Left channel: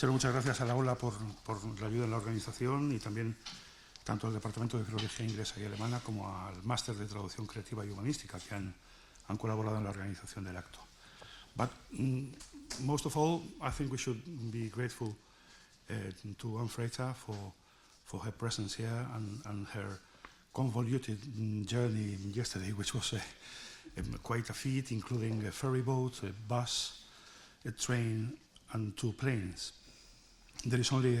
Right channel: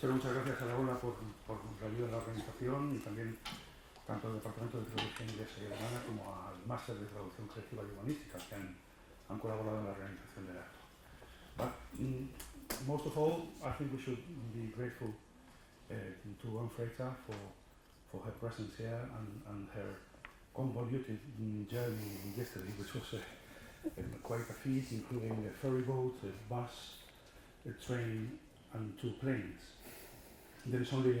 Quiero muchas gracias a la Ola por la ayuda en la organización y también tanto al Departamento de Filología Inglesa y Alemana como al Máster de Traducción Creativa y Humanística que han colaborado en la organización del acto. But most of all, I think we should be grateful to Frater for her presence here and her convoluted journey yesterday, which was quite a feat, including a ferry boat, a bus, a train, and 2 planes. There is only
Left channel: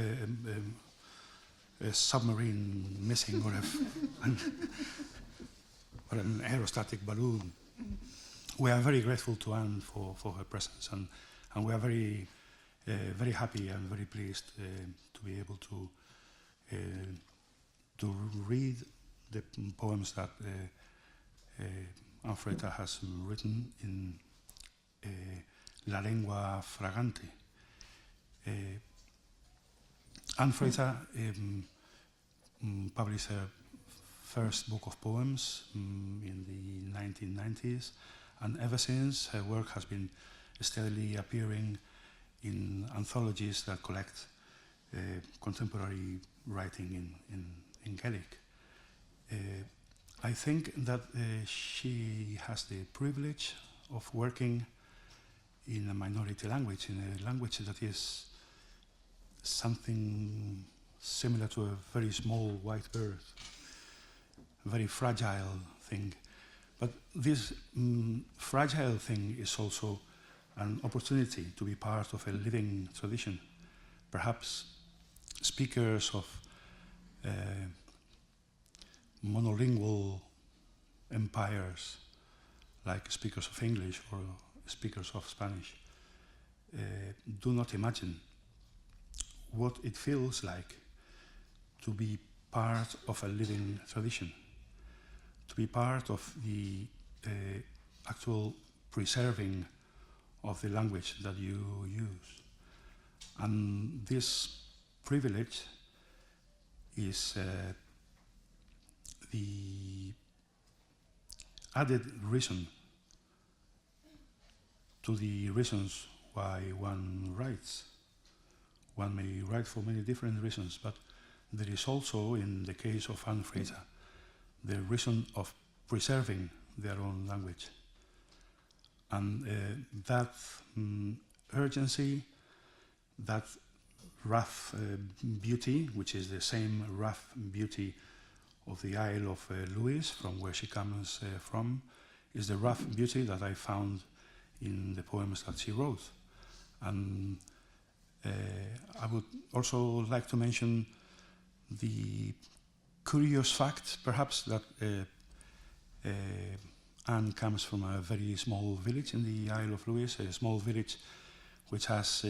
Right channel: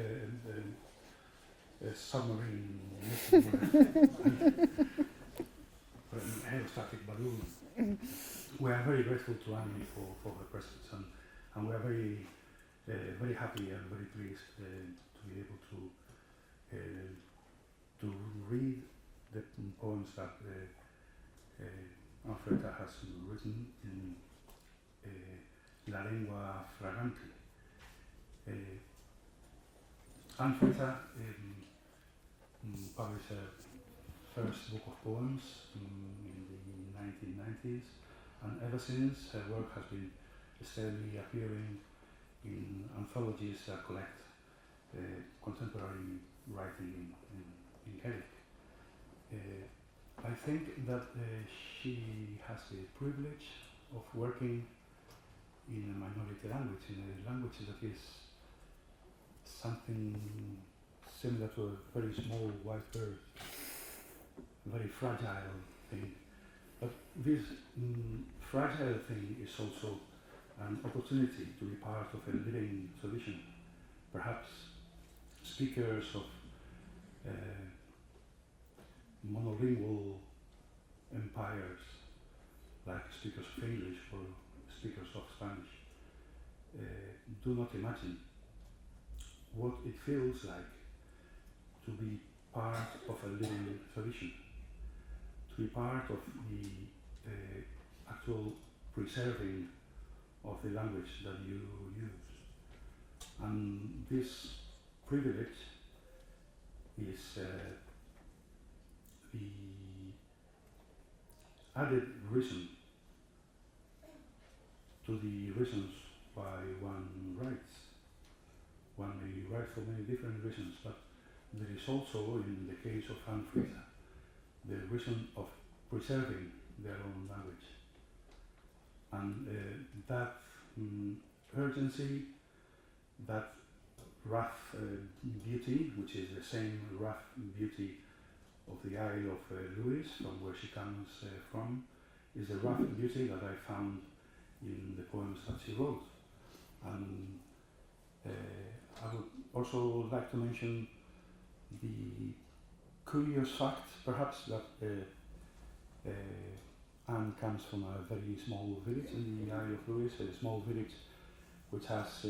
a submarine missing, or an aerostatic balloon. We are very grateful to Anne for her presence, and we are very happy and very pleased to be able to read the poems that Anne Frater has written in La Lengua, Fragante. Anne Frater published her first book of poems in the 1990s, and ever since her work has been steadily appearing in anthologies that collect contemporary writing in Gaèlic. I think that she has the privilege of working in a minority language, in a language that is something similar to a very small white bird, a very fragile thing. But this fragile thing is also an opportunity to be part of a living tradition. Perhaps speakers of monolingual empires, like speakers of English or speakers of Spanish, do not imagine what it feels like to be part of a living tradition, to be part of the actual preserving of the language that you use. And this privilege is the added reason to the reasons why one writes. One may write for many different reasons, but there is also, in the case of Anne Frater, the reason of preserving their own language. And that urgency, that rough beauty, which is the same rough beauty of the Isle of Lewis, from where she comes from, is the rough beauty that I found in the poems that she wrote. And I would also like to mention the curious fact, perhaps, that Anne comes from a very small village in the Isle of Lewis, a small village which has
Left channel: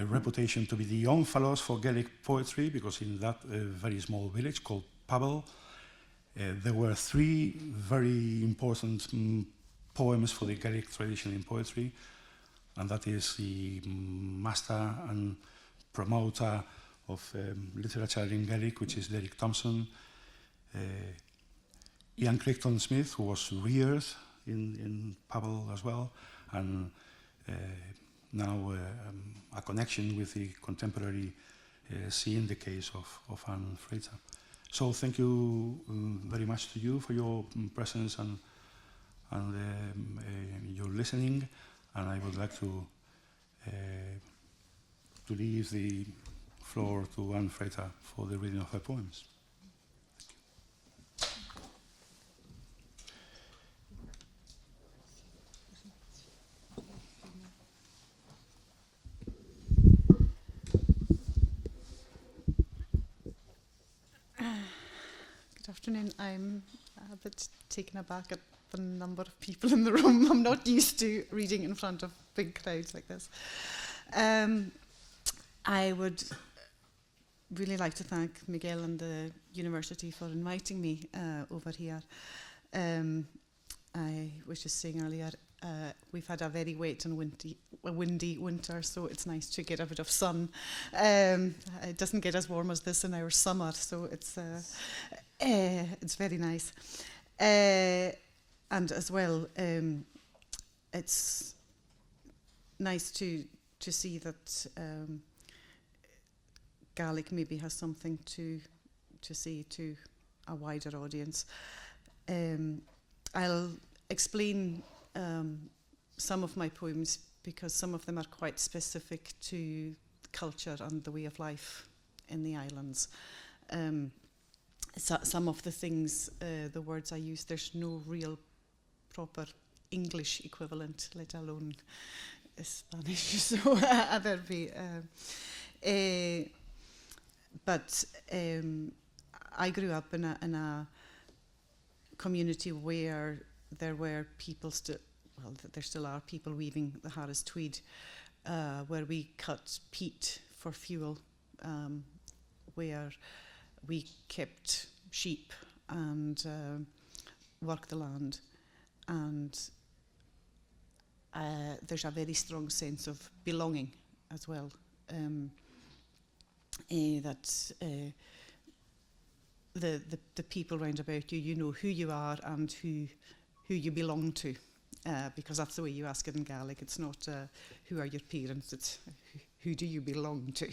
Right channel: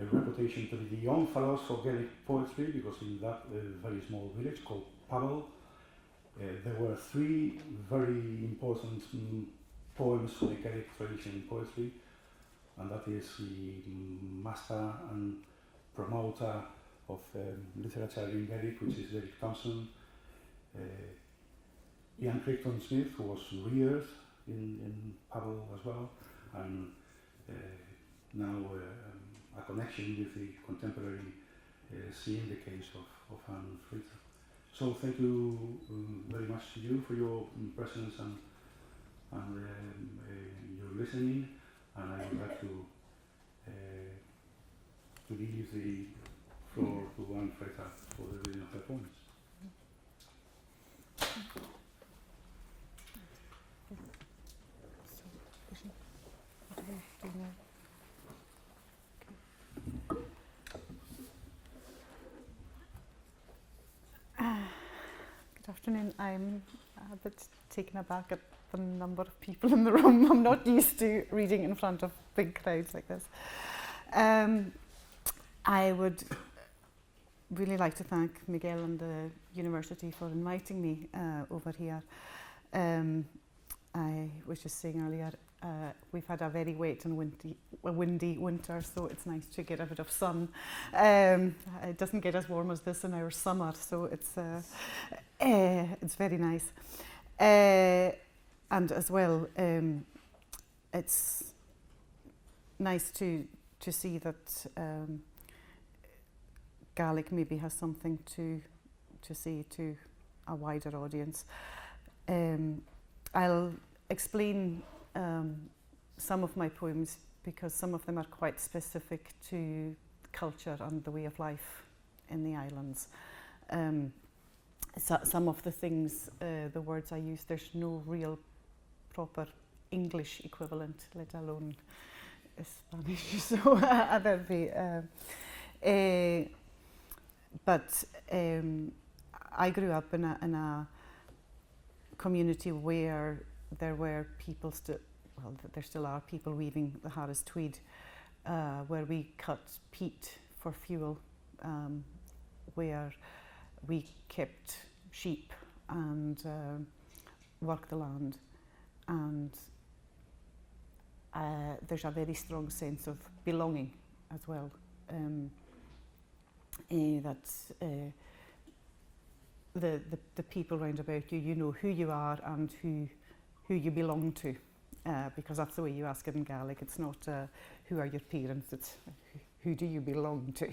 a reputation to be the omphalos for Gaelic poetry, because in that very small village called Pavel, there were 3 very important poems for the Gaelic tradition in poetry, and that is the master and promoter of literature in Gaelic, which is Derek Thompson, Ian Crichton Smith, who was reared in Pavel as well, and now a connection with the contemporary scene, the case of Anne Frater. So thank you very much to you for your presence and your listening, and I would like to leave the floor to Anne Frater for the reading of her poems. Good afternoon. I'm a bit taken aback at the number of people in the room. I'm not used to reading in front of big crowds like this. I would really like to thank Miguel and the university for inviting me over here. I was just saying earlier, we've had a very wet and windy winter, so it's nice to get a bit of sun. It doesn't get as warm as this in our summer, so it's very nice. And as well, it's nice to see that Gaelic maybe has something to say to a wider audience. I'll explain some of my poems because some of them are quite specific to culture and the way of life in the islands. Some of the things, the words I use, there's no real proper English equivalent, let alone Spanish. So there'll be. But I grew up in a community where there were people there still are people weaving the Harris tweed, where we cut peat for fuel, where we kept sheep and worked the land, and there's a very strong sense of belonging as well. That the people round about you, you know who you are and who you belong to, because that's the way you ask it in Gaelic. It's not who are your parents, it's who do you belong to.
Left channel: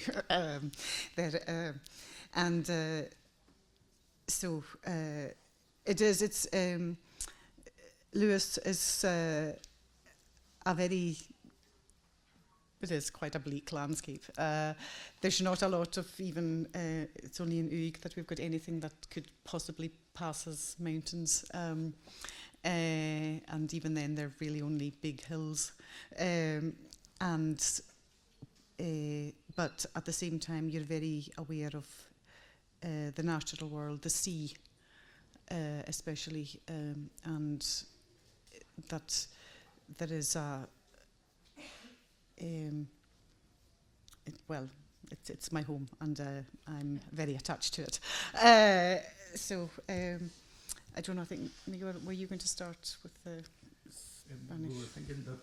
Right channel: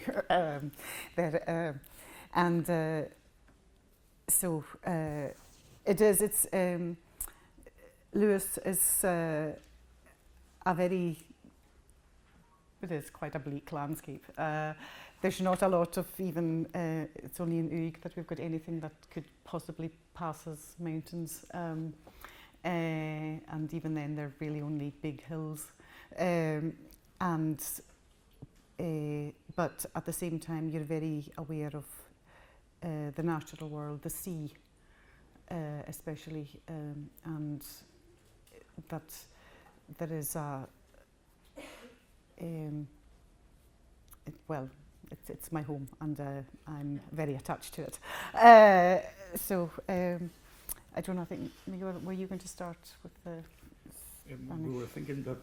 So it's Lewis is it is quite a bleak landscape. There's not a lot of even, it's only in Uig that we've got anything that could possibly pass as mountains. And even then they're really only big hills. But at the same time you're very aware of the natural world, the sea especially, and that there is a, it's my home and I'm very attached to it. I don't know, I think, Miguel, were you going to start with the Spanish? We were thinking that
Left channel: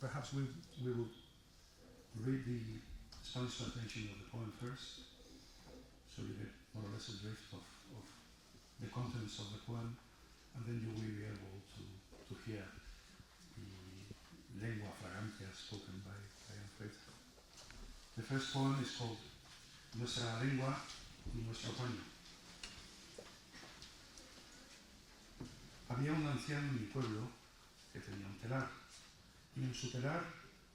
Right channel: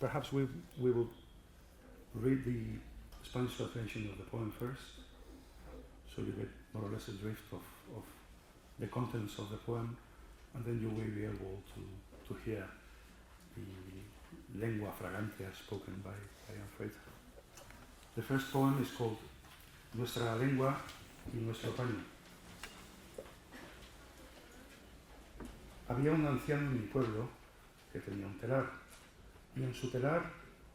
perhaps we will read the Spanish translation of the poem first, so you get more or less a drift of the contents of the poem, and then you will be able to hear the Lengua, Fragante as spoken by Frater. The first poem is called Nuestra Lengua y Nuestro Paño. Había un anciano en mi pueblo que tenía un telar, y en su telar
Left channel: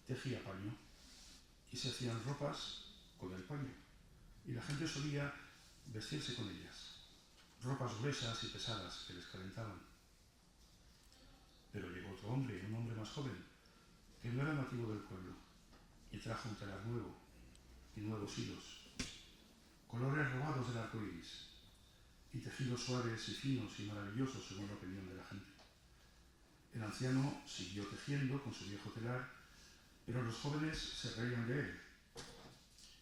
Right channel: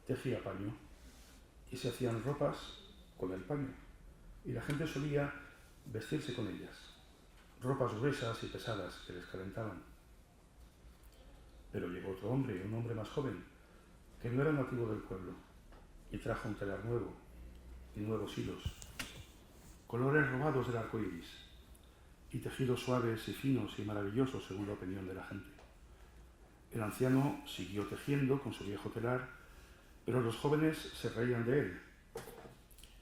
tejía paño, y se hacían ropas con el paño, y la gente solía vestirse con ellas, ropas gruesas y pesadas que les calentaban. Pero llegó otro hombre, un hombre más joven, que no era nativo del pueblo, y trajo un telar nuevo, y nuevos hilos, colores robados del arco iris, y tejidos suaves y finos y maravillosos según la opinión de la gente. El anciano siguió tejiendo con su viejo telar, pero los jóvenes se reían de él,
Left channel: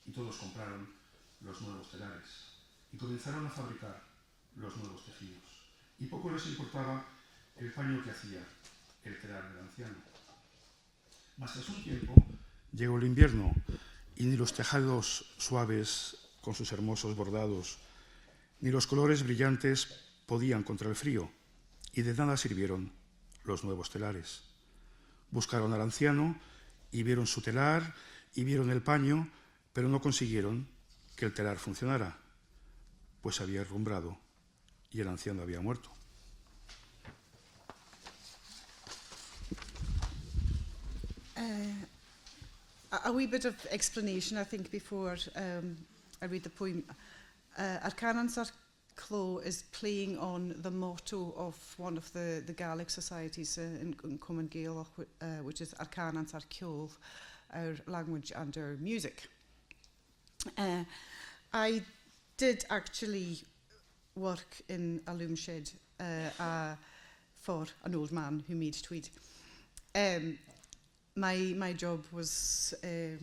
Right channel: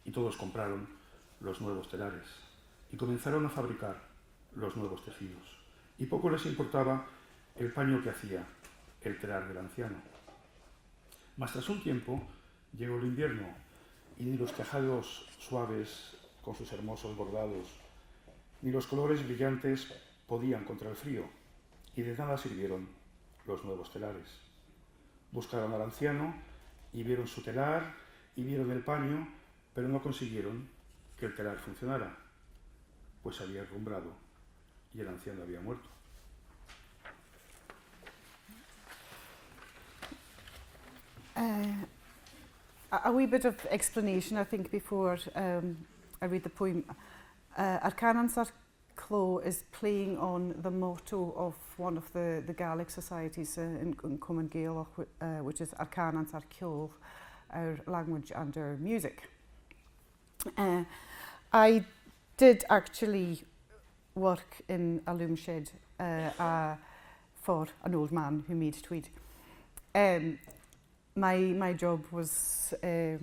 y todos compraron los nuevos telares, y comenzaron a fabricar los nuevos tejidos, y poco les importaba el paño que hacía el telar del anciano. Mas tras un tiempo llegó el invierno, y ni los tejados suaves con sus hermosos bordados, ni los colores brillantes podían contra el frío, y de nada sirvieron los nuevos telares. Buscaron al anciano, y vieron su telar, y vieron el paño, pero no consiguieron que el telar funcionara, pues había herrumbrado, y el anciano había muerto. A wee bit of explanation, I think, before I read the poem. Arcanan Sar Clo is playing on the motto of one of the Gaelic societies in Common Gaelic, which is Arcanan Sar Ceol, our language and our music. I did actually work in a loom shed for an old man who made tweed. My job was to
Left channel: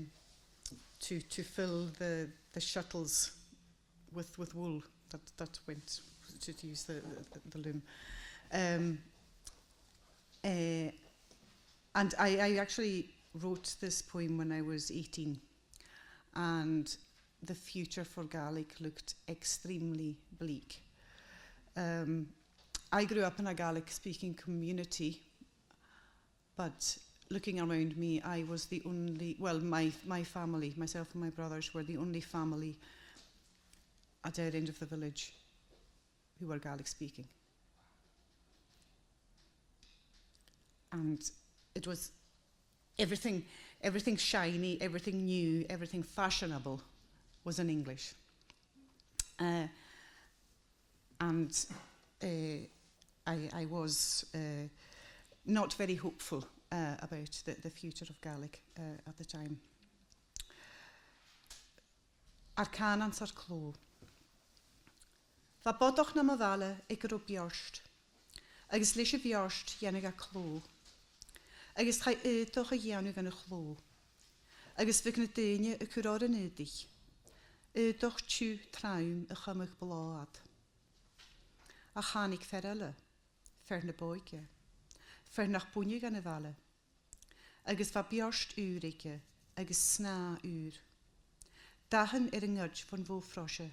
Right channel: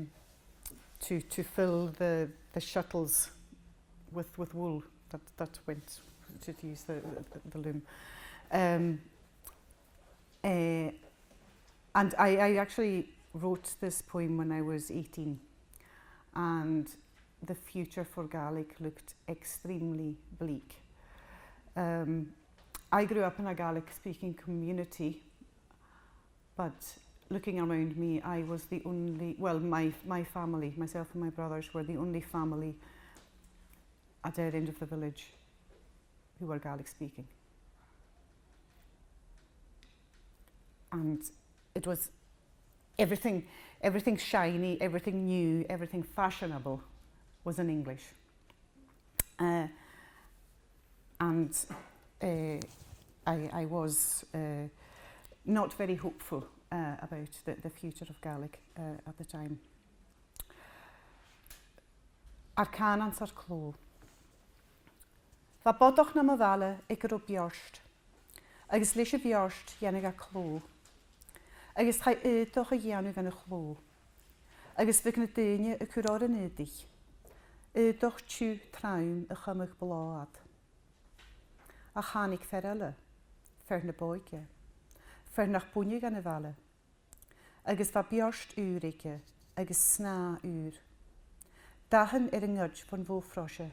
fill the shuttles with wool that went to use the loom. And I actually wrote this poem when I was 18, and the future for Gaelic looked extremely bleak. I grew up in a Gaelic speaking community, but looking around me, I was the only, well, my family, myself and my brothers were the only family at our end of the village who were Gaelic speaking. And it was everything shiny, everything new, everything fashionable was in English. I was not very hopeful about the future of Gaelic at the time. Ar can ansar cló. Va bodoch na ma vale ik er op bjorst. Agus leis a bjorst janig a cló. Agus chai toch a janig an a chló. Agus vig na dynia a cwror yn ydig. Doch tju traum a chymig blad. A chanig ferelle, fer na boike. Fer nach bwynnig an y vale. Agus va bjorst urike, agus sna ur. Dahan yng ngyrd van fwfrosje.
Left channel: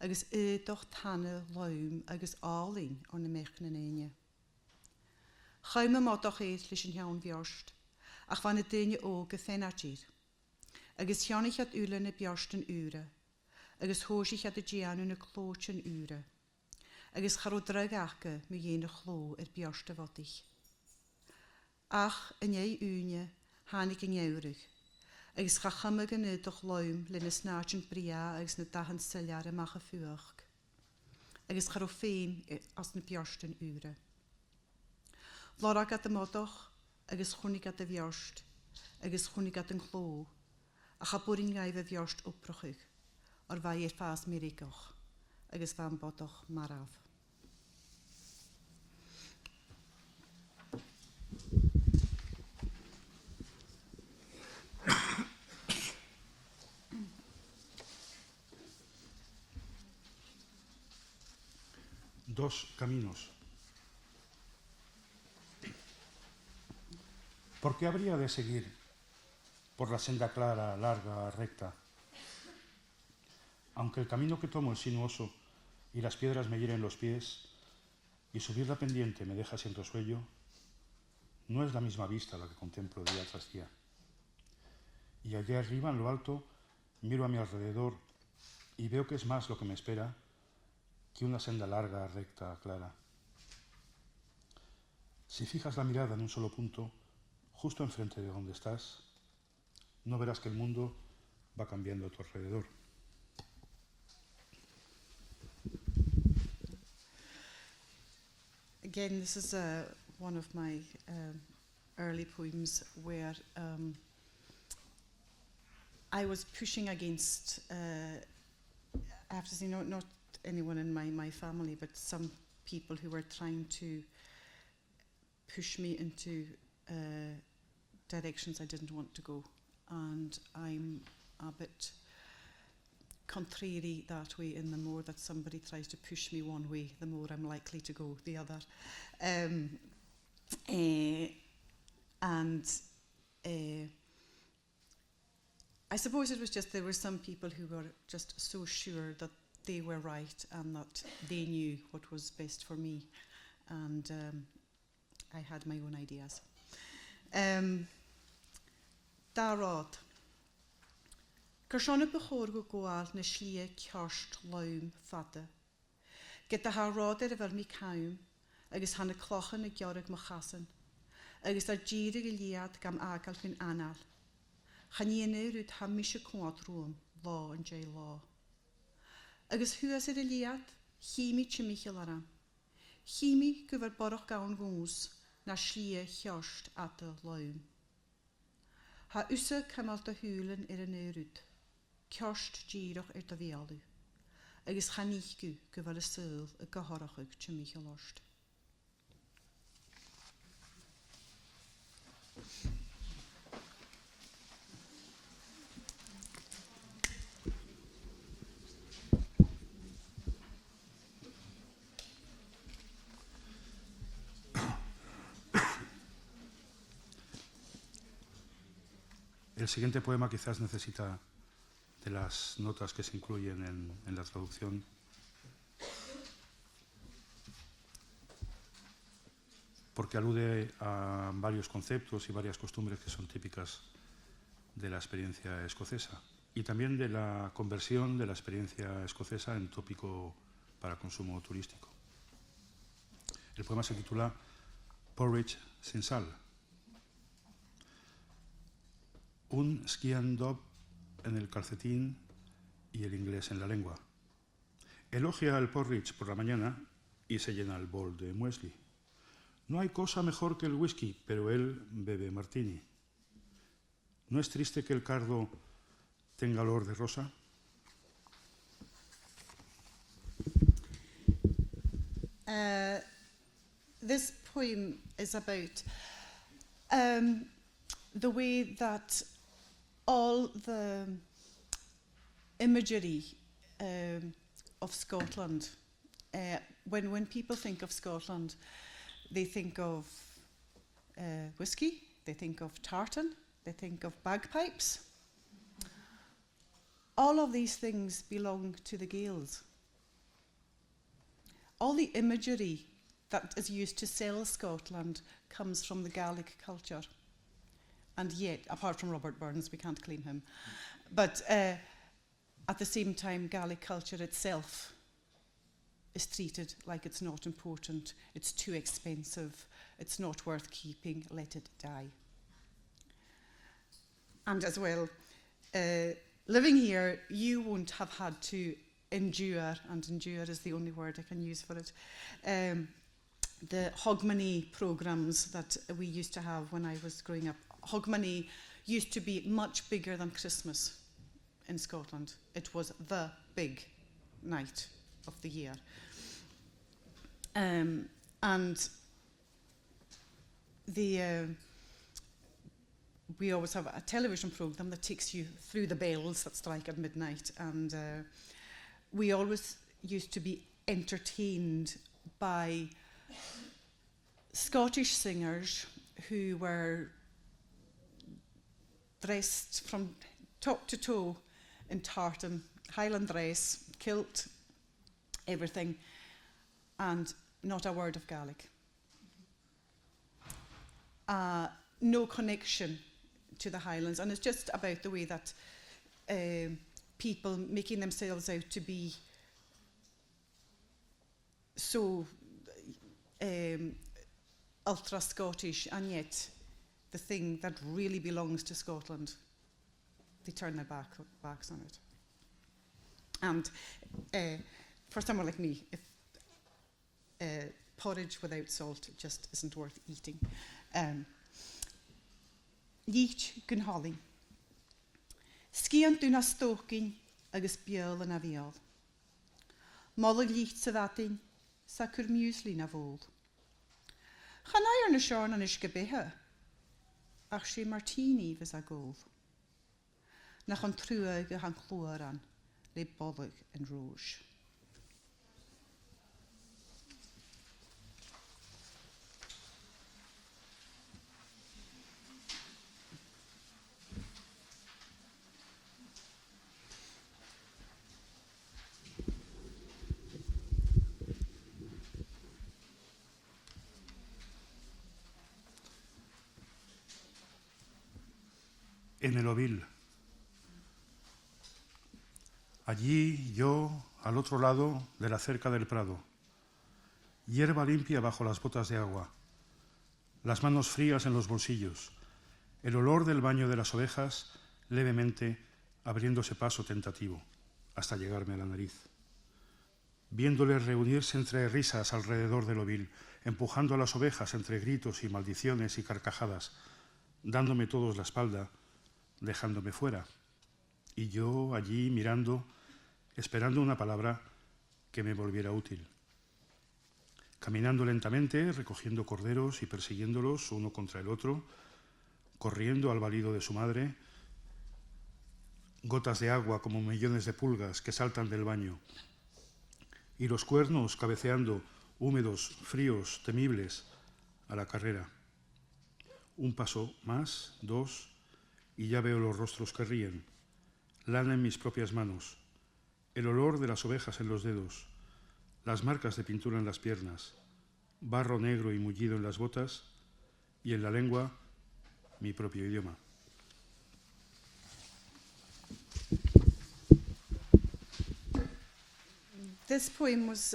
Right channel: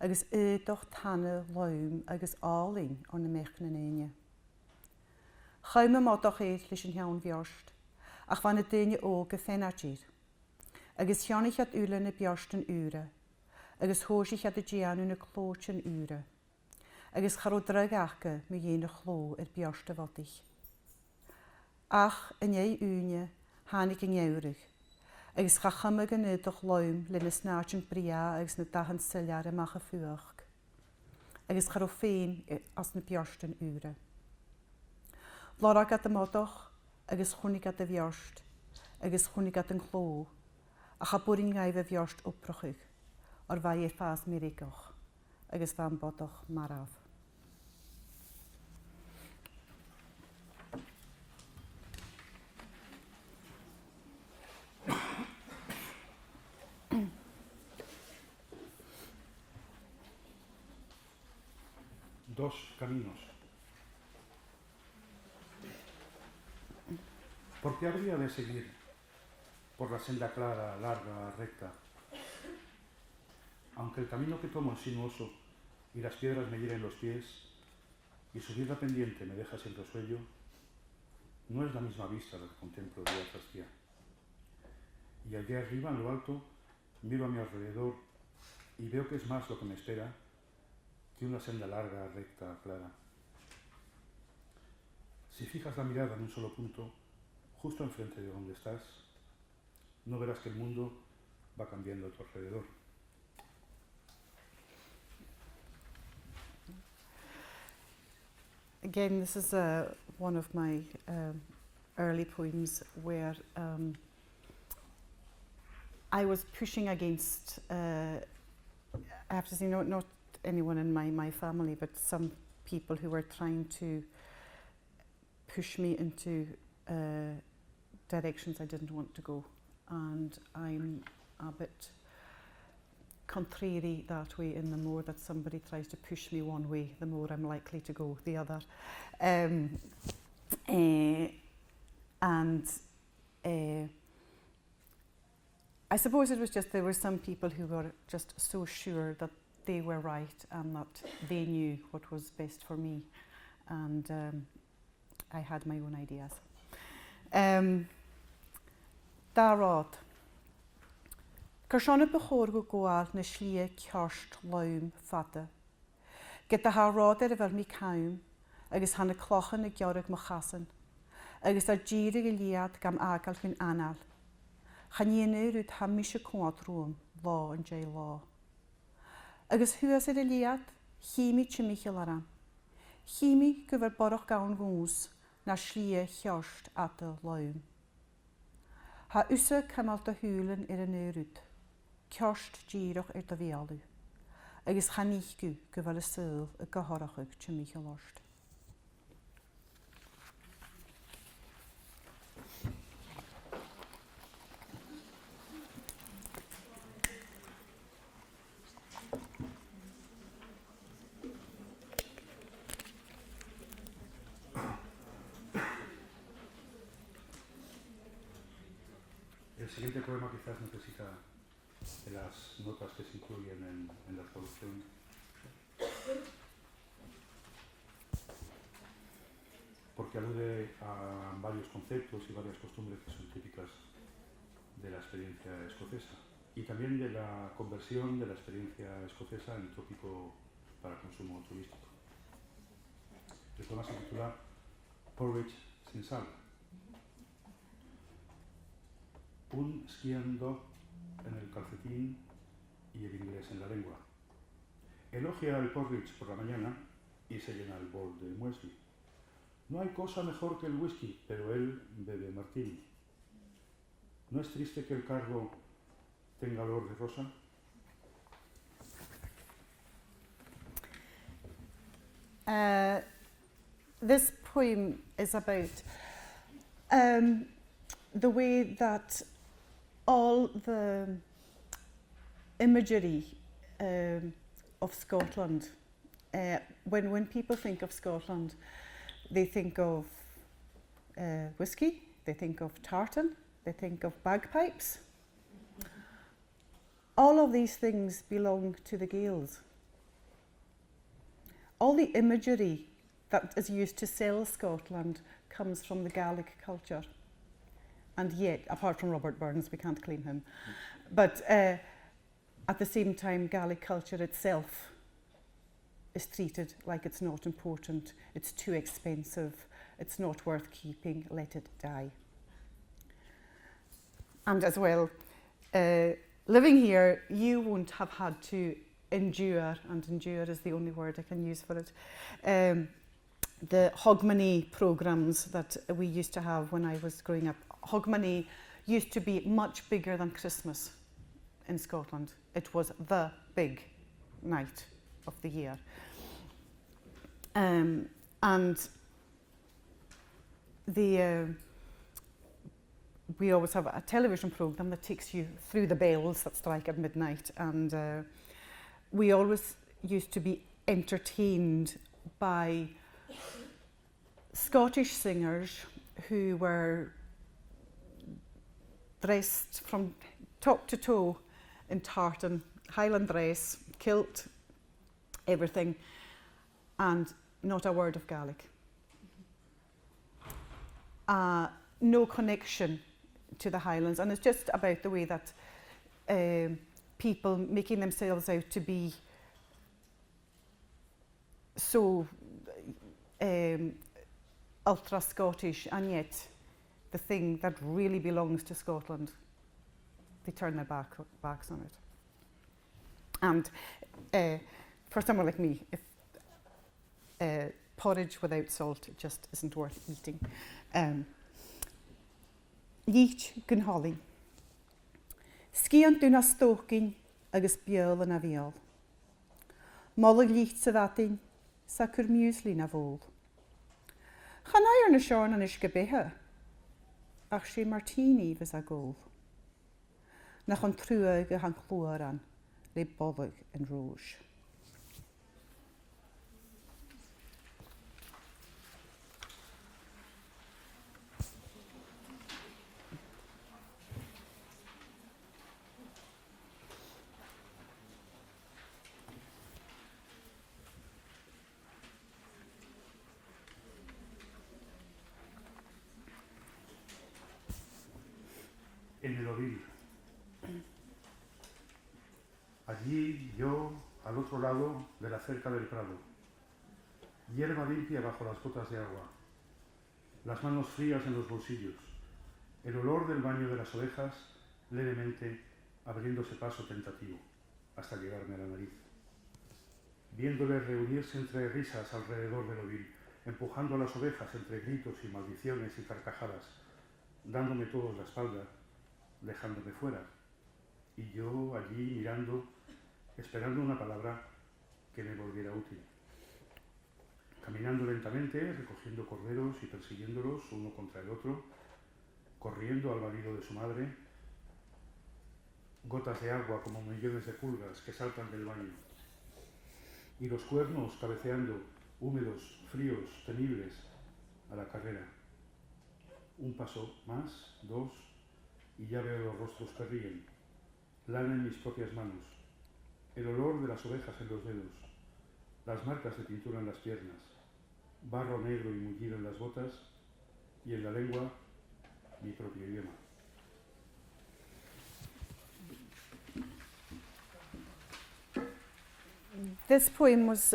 Agus doch tanne laum agus áling an na mechna nene. Chaim ma doch leis yn hiawn bjorst. Ach van y dynia o gefenartid. Agus janig at ulen y bjorst yn ure. Agus hosig at y gian yn y clóch yn ure. Agus charo drag ache mi jen y chló bjorst y fodig. Ach, yn ei unie, hanig yn eurig. Agus cha chymig yn ydych laum le na snart yn bria agus na dahan syliar ymach y ffwch. Agus charo ffein as na bjorst yn ure. Lorag at y modoch, agus chwnig at y bjorst, agus chwnig at yn chló. A cha bwrin gaif y bjorst oprochig, o'r fai i'r ffas mirigoch, agus fan bodoch maraf. Dos caminos. ¿Por qué habría de seguir por la senda clara, larga, recta? Aunque el camino que tomo es sinuoso y las piedras me hieren los pies y subir la pendiente me deja sin resuello, no es la misma vista la que contemplo día tras día. Y allá arriba, en lo alto, miro a mi alrededor y veo que es más lo que me espera que una senda larga, recta, clara. Si fijas la mirada en un solo punto, justo enfrente de donde estás, no verás que el mundo va cambiando a tu alrededor. Again, this is one of my early poems where I was pushing against, I have to say, not anyone in my family, but some people who were trying to push me into directions I didn't want to go. And I'm a bit contrary that way, and the more that somebody tries to push me one way, the more I'm likely to go the other. I suppose it was just there were some people who were just so sure that they were right and that they knew what was best for me, and I had my own ideas. Darod. Gershon y bechor go gwaad na slia ciarst laum fada. Gyda ha rod ar yfyr mi cawn, agos han y clochan y giorig mo chasan, agos ar gyrig y liad gam agal fin anal. Chan i yna rwyd ham mis y cwad rwm, lo yn jay lo. Agos hwys ar y liad, chimi chimichel aram. Chimi gyfer boroch gawn gwns, na slia ciarst at y laum. Ha usa cymal dy hwlen ar y nyrwyd. Ciarst gyrwch ar dy fialw. Agos chanigw gyfer y syl y gyhorachig chymich y lost. El siguiente poema quizás necesita de las notas que se incluyen en la traducción. porque alude a varios conceptos y varias costumbres que son típicas de la experiencia escocesa y también de la conversión de la experiencia escocesa en tópico para consumo turístico. El poema se titula Porridge sin sal. Un skiing dog en el calcetín y el inglés en la lengua. Elogia el porridge por la mañana y se llena el bol de muesli. No hay cosa mejor que el whisky, pero él bebe martini. ¿No es triste que el cardo tenga olor de rosa? This poem is about the way that all the imagery of Scotland, when people think of Scotland, they think of whisky, they think of tartan, they think of bagpipes. All of these things belong to the Gaels. All the imagery that is used to sell Scotland comes from the Gaelic culture. And yet, apart from Robert Burns, we can't claim him. But at the same time, Gaelic culture itself is treated like it's not important, it's too expensive, it's not worth keeping, let it die. And as well, living here, you won't have had to endure, and endure is the only word I can use for it, the Hogmanay programmes that we used to have when I was growing up. Hogmanay used to be much bigger than Christmas in Scotland. It was the big night of the year. And we always have a television programme that takes you through the bells that strike at midnight, and we always used to be entertained by Scottish singers who were dressed from top to toe in tartan, Highland dress, kilt, everything, and not a word of Gaelic. No connection to the Highlands, and it's just about the way that people making themselves out to be so ultra Scottish, and yet the thing that really belongs to Scotland, they turn their backs on it. And for someone like me, if porridge without salt just isn't worth eating. Llich gynholi. Sciant dwi'n astogin agus biol yn afiol. Molig llich sydd sa cwr muesli na fôl. Chanai ar na siarn an isgebehe, ach si martini fys a gôl. Nach an trwag a han chlwar an, le boddog yn rôj. En el ovil. Allí yo, al otro lado de la cerca del prado. Hierba limpia bajo las botas de agua. Las manos frías en los bolsillos. El olor del baño de las ovejas levemente abriéndose paso tentativo hasta llegarme a la nariz. Viéndoles reunirse entre risas alrededor del ovil, empujando a las ovejas entre gritos y maldiciones y carcajadas, dándome todos la espalda, dejándome fuera, y yo allí mirando, esperando una palabra que me volviera útil. Caminando lentamente, recogiendo corderos y persiguiéndolos uno contra el otro, corriendo al balido de su madre, gotas de agua como millones de pulgas que saltan del baño, y los cuernos cabeceando, húmedos, fríos, temibles, a la carrera. Un paso más, dos, y ya veo los rostros que ríen, lana en mis propias manos, el olor de las ovejas en los dedos, las marcas de pintura en las piernas, barro negro y mullido en las botas, y en la lengua, mi propio idioma. This poem was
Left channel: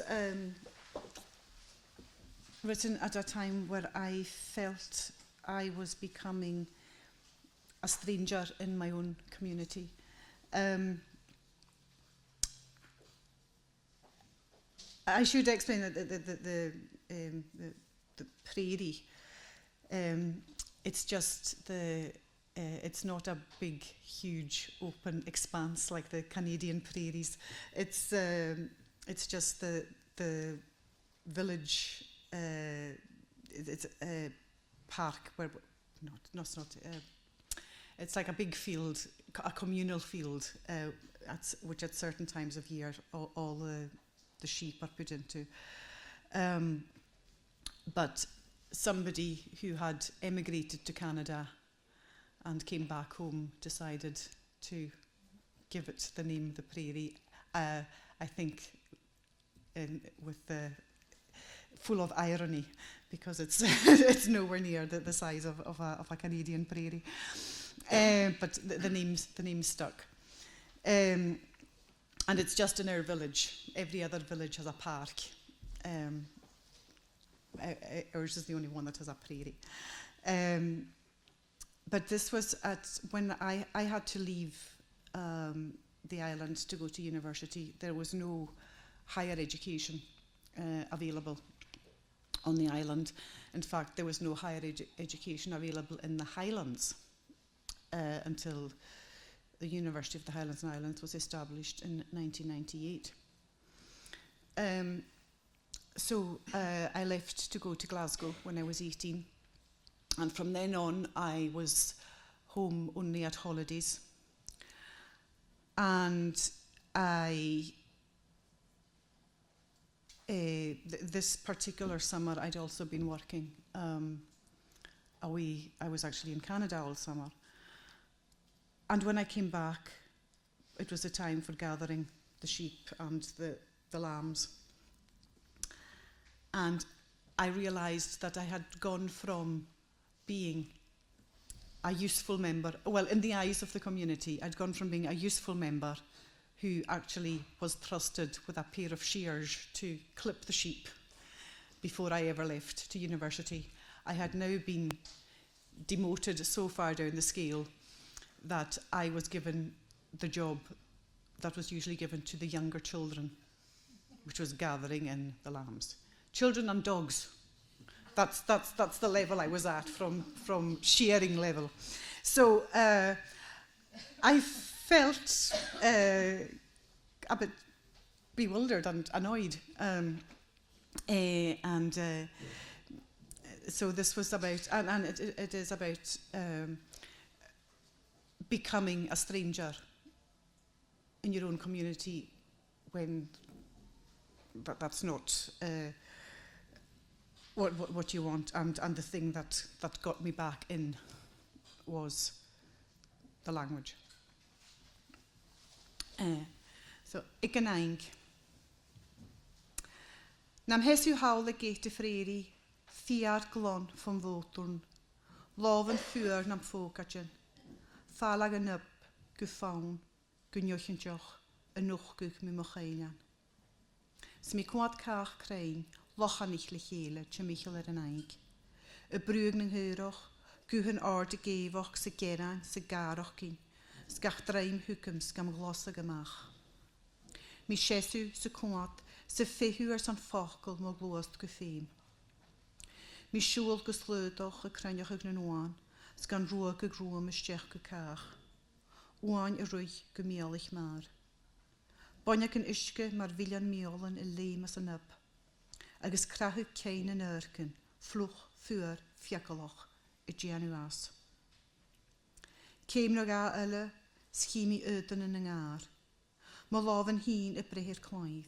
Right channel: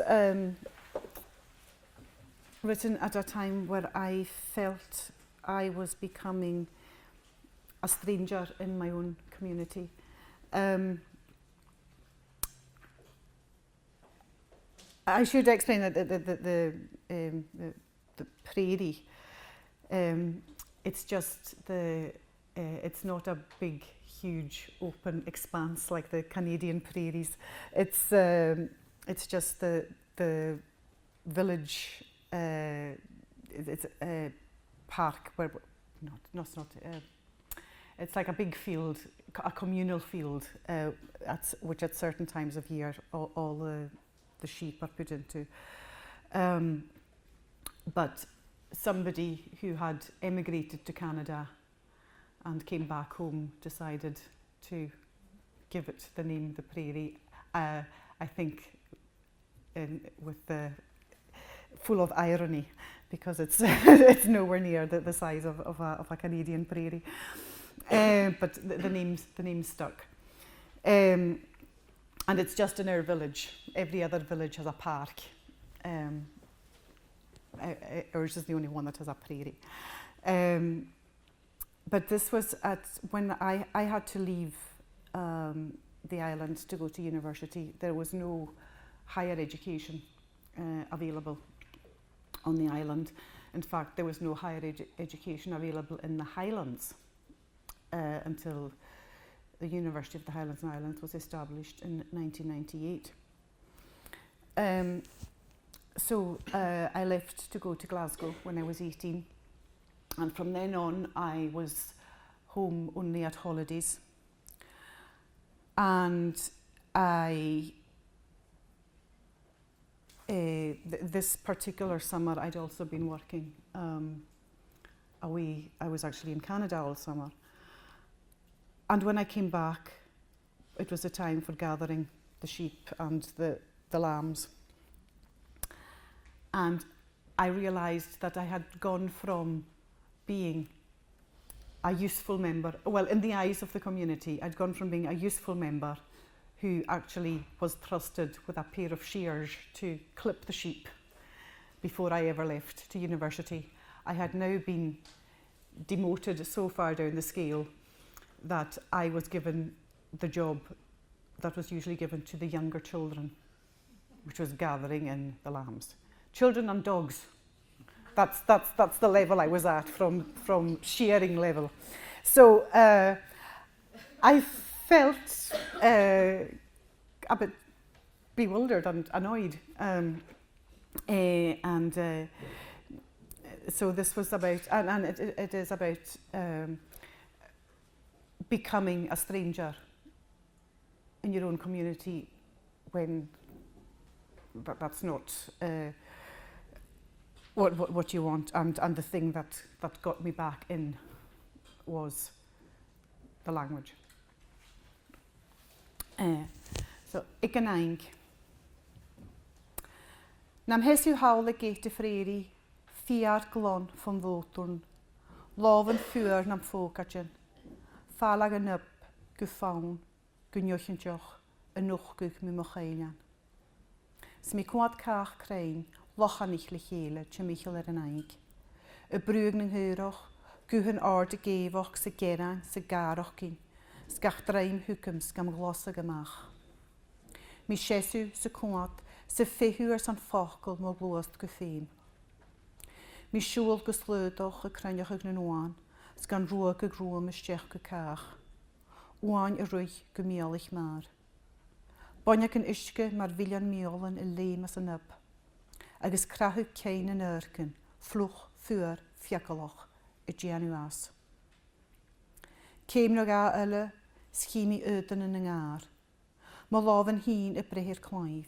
written at a time where I felt I was becoming a stranger in my own community. I should explain that the prairie, it's just it's not a big, huge, open expanse like the Canadian prairies. It's just the village. It's a park where it's like a big field, a communal field, which at certain times of year all the sheep are put into. But somebody who had emigrated to Canada and came back home decided to give it the name the prairie. I think with the full of irony, because it's it's nowhere near the size of a Canadian prairie. But the name stuck. And it's just in our village. Every other village has a park. Ours is the only one that has a prairie. But this was when I had to leave the island to go to university. There was no higher education available on the island. In fact, there was no higher education available in the Highlands until the University of the Highlands and Islands was established in 1998. So I left to go to Glasgow when I was 18. And from then on, I was home only at holidays. And this particular summer, I'd also been working away. I was actually in Canada all summer. And when I came back, it was a time for gathering the sheep and the lambs. And I realised that I had gone from being a useful member, well, in the eyes of the community, I'd gone from being a useful member who actually was trusted with a pair of shears to clip the sheep before I ever left to university. I had now been demoted so far down the scale that I was given the job that was usually given to the younger children, which was gathering in the lambs. Children and dogs. That's the level I was at from shearing level. So I felt a bit bewildered and annoyed. So this was about, and it is about becoming a stranger in your own community when that's not what you want, and the thing that got me back in was the language. So, ik yn aing. Nam hesu hawl y geit y ffreiri, fiar glon van votun, loven vuur nam fokatjen, falag yn up, gefaun, gynjochen joch, en nog gug me mochainan. Smi kwad kaach krein, lochan ich lechele, tje michel yn aing. Y brug ng hyroch, guhen aard y gefoch, se gerang, se garoch gyn, sgach draim hwkums gam glosag amach. Mi chesu se kwad, se fehu san fochel mo gloast gefein. Mi siwl gesleudoch y crynioch ag nwan, sgan roag y grwam y stech gekaach. Oan y rwy gymielich maar. Bonjak yn ischke mar viljan miolen y leim as yn up. Agus krachu kein yn urken, floch, fuur, fiakaloch, y gianu as. Keim nog a ylle, schimi ydyn yn ngaar. Ma lofen hyn y brehir cwaif.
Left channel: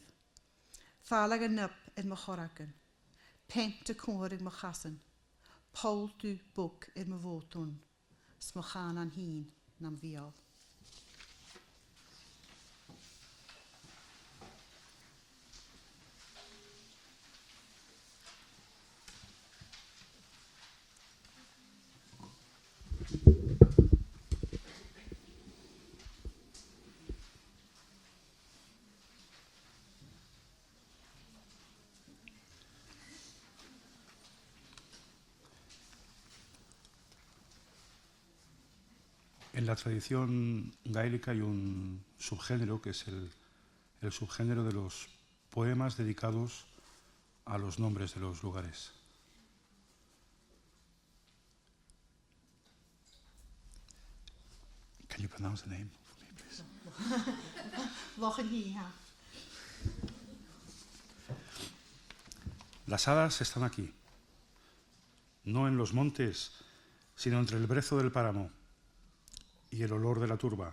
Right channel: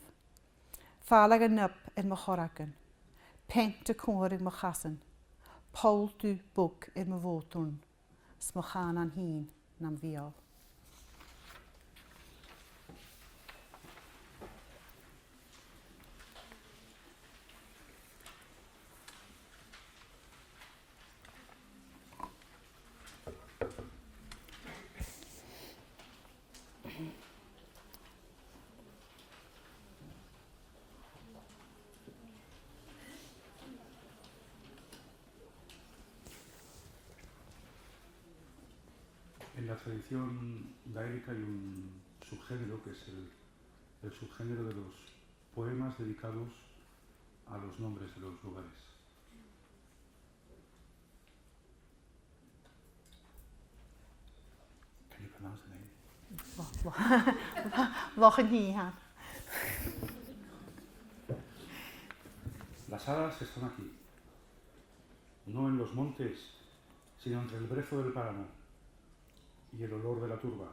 Falag yn up yn mochoragan. Pent y cwr yn mochasan. Paul du bwg yn mofotwn. Smochan an hyn nam fiol. En la tradición gaélica hay un subgénero que es el subgénero de los poemas dedicados a los nombres de los lugares. Can you pronounce the name? Las hadas están aquí, no en los montes, sino entre el brezo del páramo y el olor de la turba,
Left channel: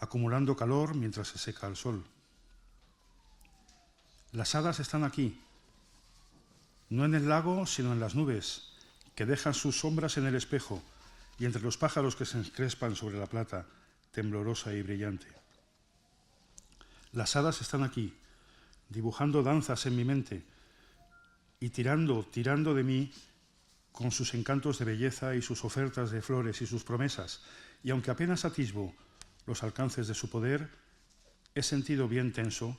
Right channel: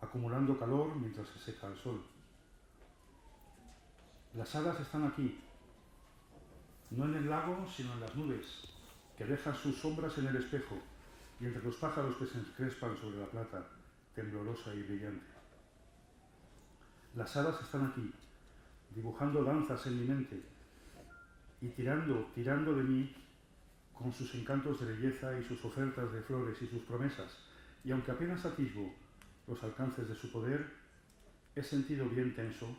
acumulando calor mientras se seca el sol. Las hadas están aquí, no en el lago, sino en las nubes, que dejan sus sombras en el espejo y entre los pájaros que se encrespan sobre la plata, temblorosa y brillante. Las hadas están aquí, dibujando danzas en mi mente y tirando de mí con sus encantos de belleza y sus ofertas de flores y sus promesas, y aunque apenas atisbo los alcances de su poder, he sentido bien tenso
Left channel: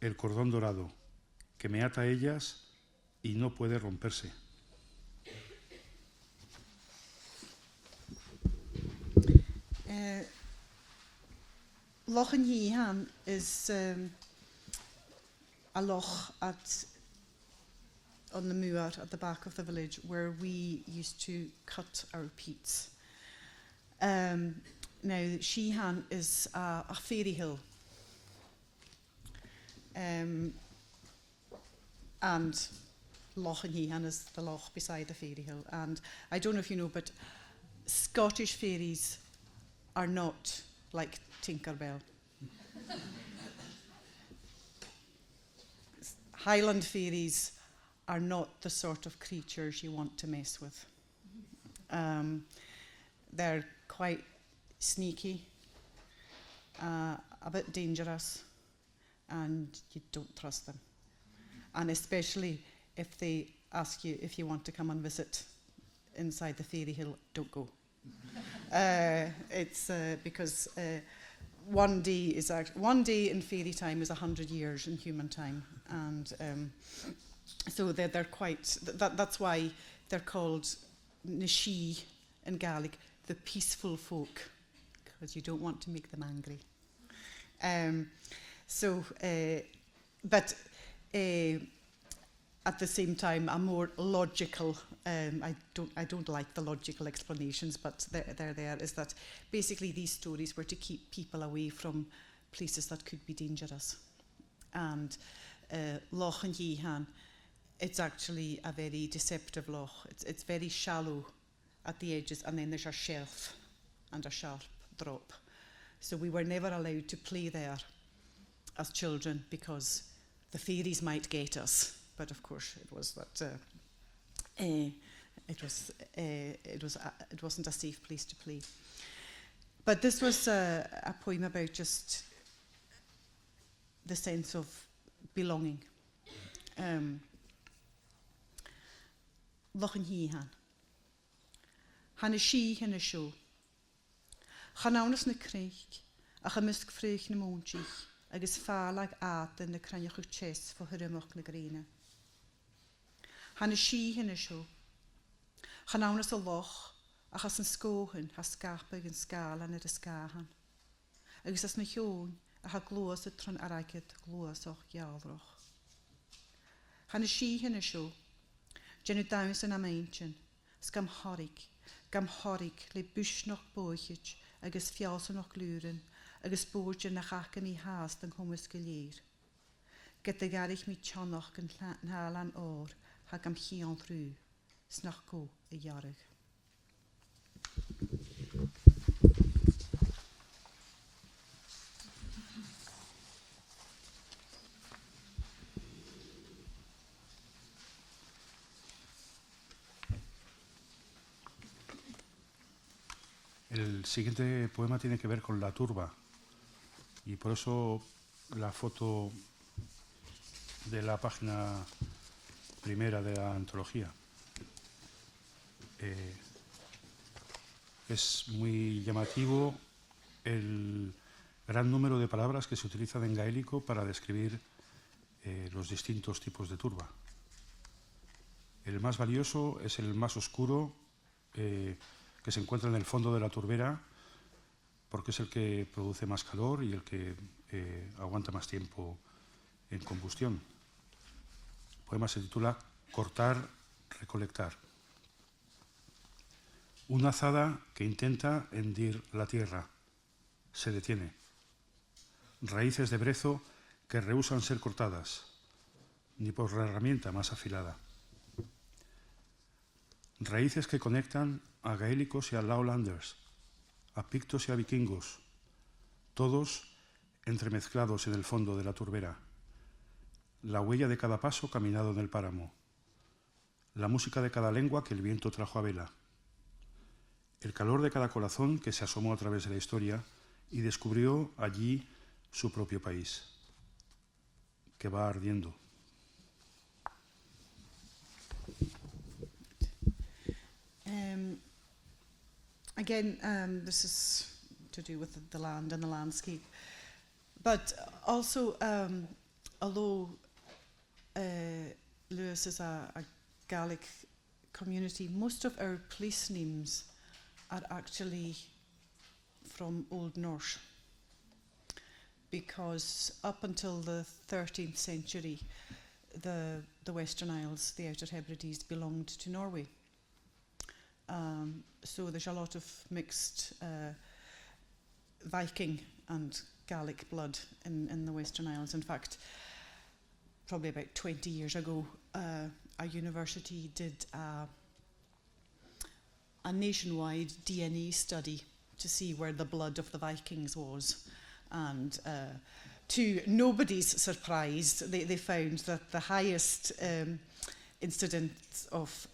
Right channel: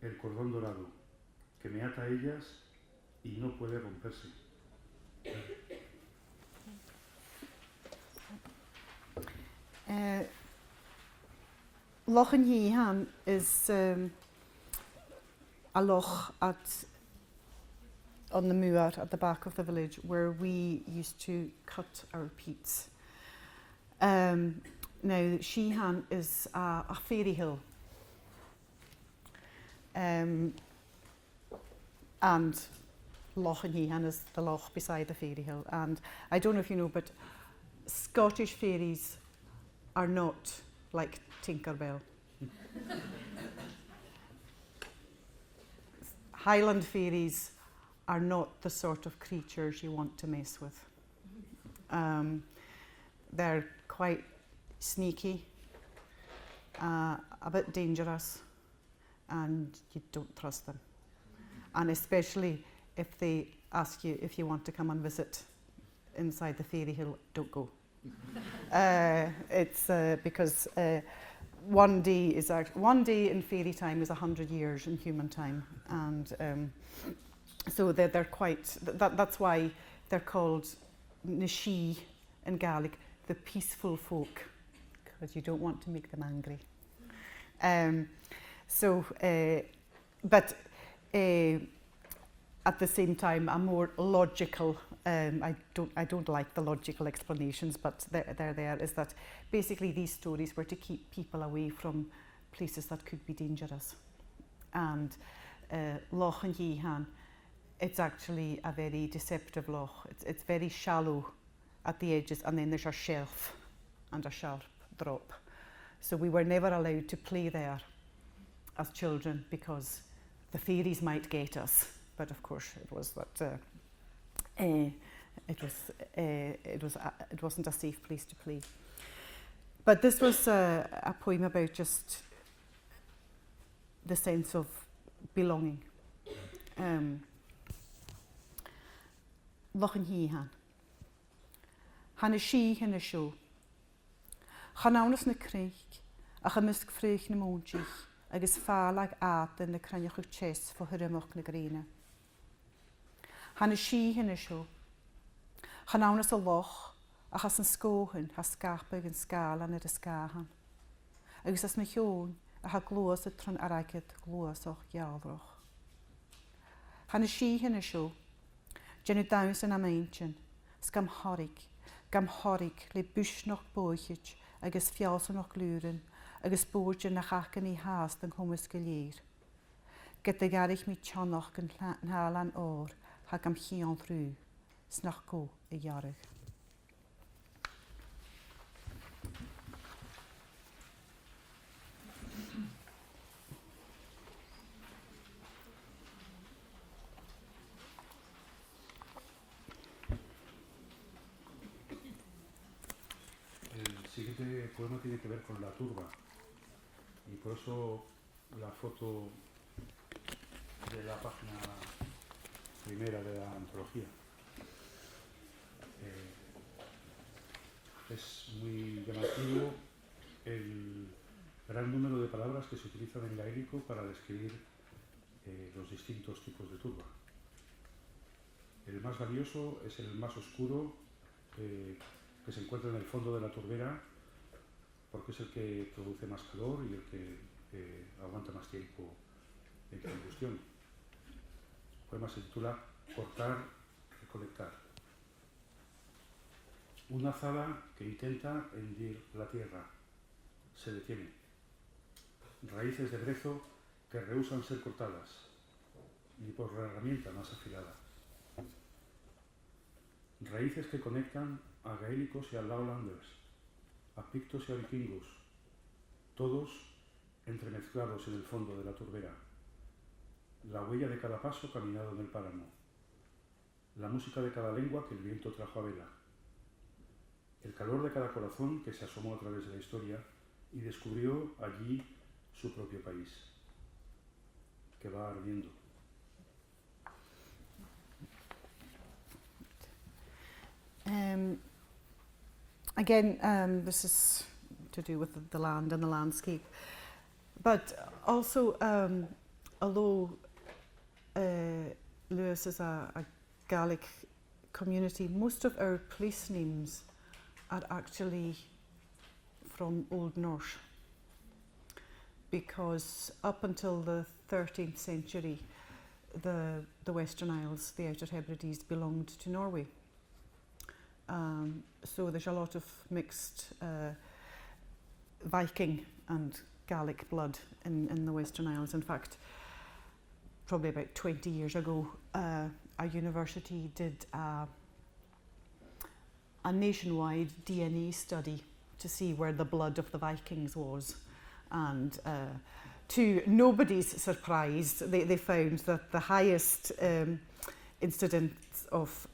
el cordón dorado que me ata a ellas y no puede romperse. Loch an Híhan is a loch on the moor at the back of the village where we used to cut our peats. Now, Sheehan is a fairy hill. And Loch an Híhan is the loch beside the fairy hill. And I don't know if you know, but Scottish fairies are not like Tinkerbell. Highland fairies are not the sort of creatures you want to mess with. They're quite sneaky, a bit dangerous, and you don't trust them. And especially if they ask you if you want to come and visit inside the fairy hill, don't go. It's because one day in fairy time is 100 years in human time, and so they're quite. That's why they're called Nishi in Gaelic, the peaceful folk, because you don't want to make them angry. But at the same time, a more logical. I don't like the logical explanations, but they're there. Is that basically these stories were to keep people away from places that could be dangerous, and Loch an Híhan, it's actually a very deceptive loch. It's very shallow at the edges, and then there's a shelf and a sharp drop. So we were never allowed to play there as children because the fairies might get us. But of course, it was that it wasn't a safe place to play. But this was a poem about just the sense of belonging. Loch an Híhan. Hanna sí hinna seo. Chanaunas na creich, a chymysg ffrich na móntich, agus fálag áta na craniach ych ches fo hyrimach na greine. Hanna sí hinna seo. Chanaunas a loch, a chas yn sgóhan, ha scarpa yn sgalan ar y sgahan. Agus as na hiwn, a ha glwys y trwn aragyd glwys o'ch gialroch. Hanna sí hinna seo. Jenny daws yn amaintyn, sgam horig le bwysnoch bwychich, agus fialsonoch lúrin, agus bwydyn na chachan I haast yn chwmys gylir. Gyda garich mi tionoch yn halan o'r, hag am chion rhyw, snach go y iarag. El siguiente poema tiene que ver con la turba y por eso la foto de la página primera de la antología. Es muy llamativo el gran número de palabras que se utilizan en gaélico para describir los distintos tipos de turba. El más valioso es el más oscuro, que se encuentra en el fondo de la turbera, porque es el que produce más calor y el que aguanta más tiempo en combustión. El poema se titula Cortar, recolectar. Una azada que intenta hendir la tierra se detiene. Raíces de brezo que rehúsan ser cortadas, ni por la herramienta más afilada. Raíces que conectan a gaélicos y a lowlanders, a pictos y a vikingos, todos entremezclados en el fondo de la turbera. La huella de cada paso caminado en el páramo, la música de cada lengua que el viento trajo a vela, el calor de cada corazón que se asomó a través de la historia y descubrió allí su propio país, que va ardiendo. Again, this is to do with the land and the landscape, but also, although Lewis is a Gaelic community, most of our place names are actually from Old Norse, because up until the 13th century, the Western Isles, the Outer Hèbrides, belonged to Norway. So there's a lot of mixed Viking and Gaelic blood in the Western Isles. In fact, probably about 20 years ago, our university did a nationwide DNA study to see where the blood of the Vikings was. And to nobody's surprise, they found that the highest incidence of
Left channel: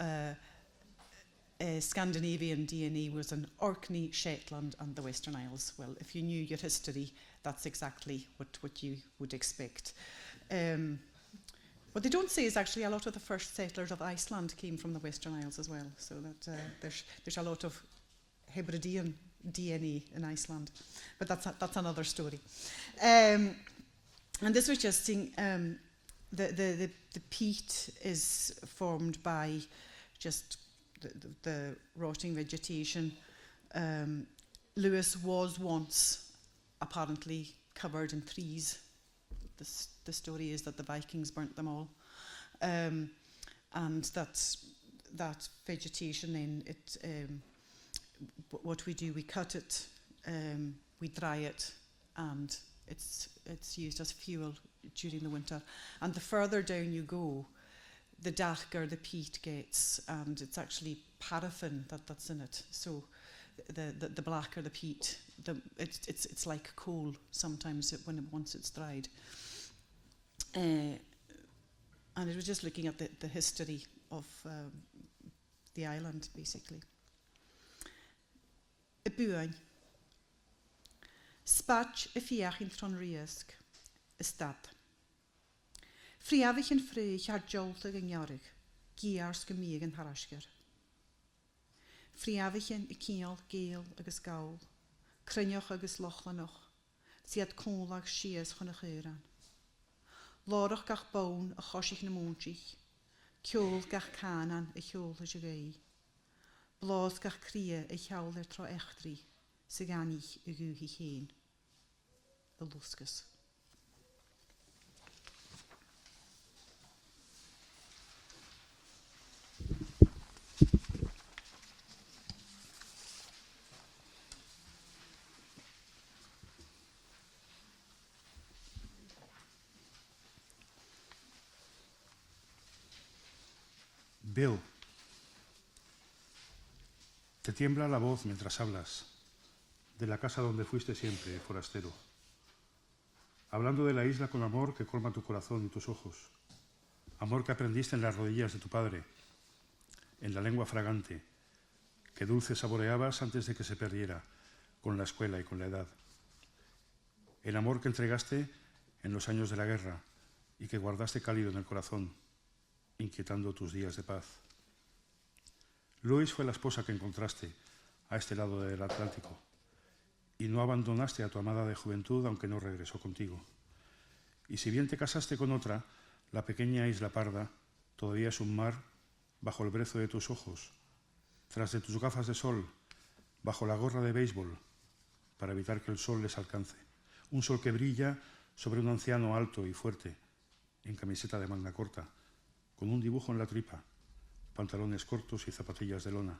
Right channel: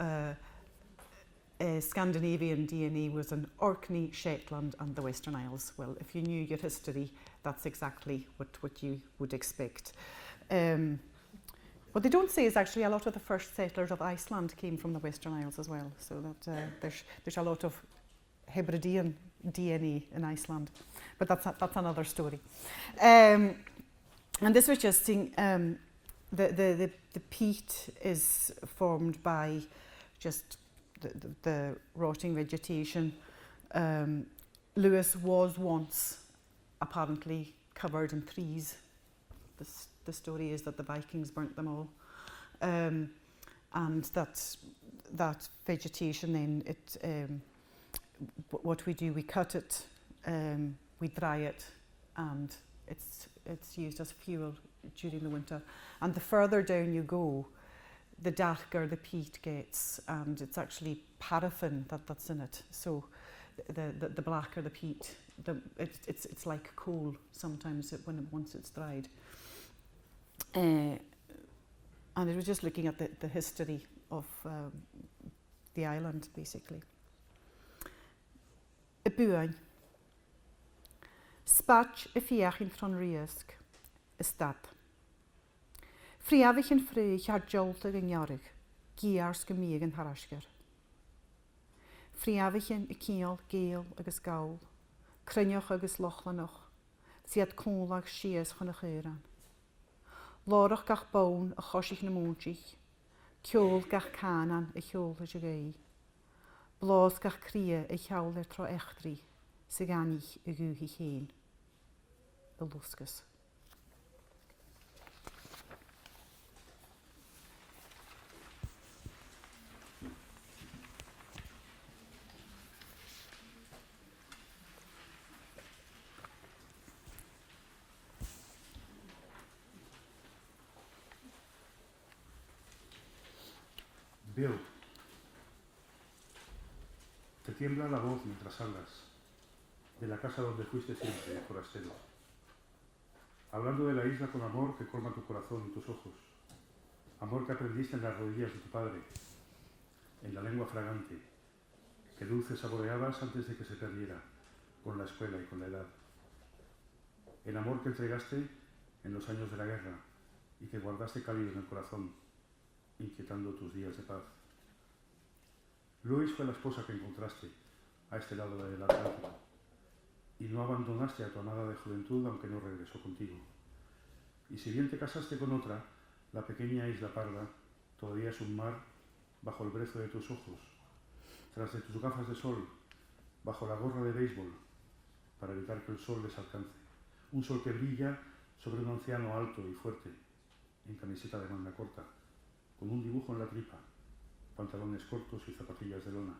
Scandinavian DNA was in Orkney, Shetland and the Western Isles. Well, if you knew your history, that's exactly what you would expect. What they don't say is actually a lot of the first settlers of Iceland came from the Western Isles as well. So that there's a lot of Hebridean DNA in Iceland. But that's another story. And this was just saying, the peat is formed by just the rotting vegetation. Lewis was once apparently covered in trees. The story is that the Vikings burnt them all, and that vegetation then what we do, we cut it, we dry it, and it's used as fuel during the winter. And the further down you go, the darker the peat gets, and it's actually paraffin that's in it. So the blacker the peat, it's like coal sometimes once it's dried. And it was just looking at the history of the island, basically. Y buain. Spatch y fiach in tron riesg, y stad. Friafich yn ffrych ar jolt ag yngiorig, giars gymig yn harasgar. Friafich yn y ciol, gael agus gawl, crynioch agus lochlanoch, siad cwnlag sias chwn y cheiran. Lorach gach bawn y chosich na mwnsich, ciol gach canan y ciol y jagau. Blos gach cria y chawl er tro echtri, sy'n ganich y gwych i chyn. Y lwsgus. Bill, te tiembla la voz mientras hablas de la casa donde fuiste siempre, forastero, hablando de la isla con amor que colma tu corazón y tus ojos, amor que aprendiste en las rodillas de tu padre, en la lengua fragante, que dulce saboreabas antes de que se perdiera con la escuela y con la edad, el amor que entregaste en los años de la guerra y que guardaste cálido en el corazón, inquietando tus días de paz. Luis fue la esposa que encontraste a este lado del Atlántico y no abandonaste a tu amada de juventud aunque no regresó contigo. Y si bien te casaste con otra, la pequeña isla parda todavía es un mar bajo el brezo de tus ojos, tras de tus gafas de sol, bajo la gorra de béisbol, para evitar que el sol les alcance. Un sol que brilla sobre un anciano alto y fuerte, en camiseta de manga corta, con un dibujo en la tripa, pantalones cortos y zapatillas de lona,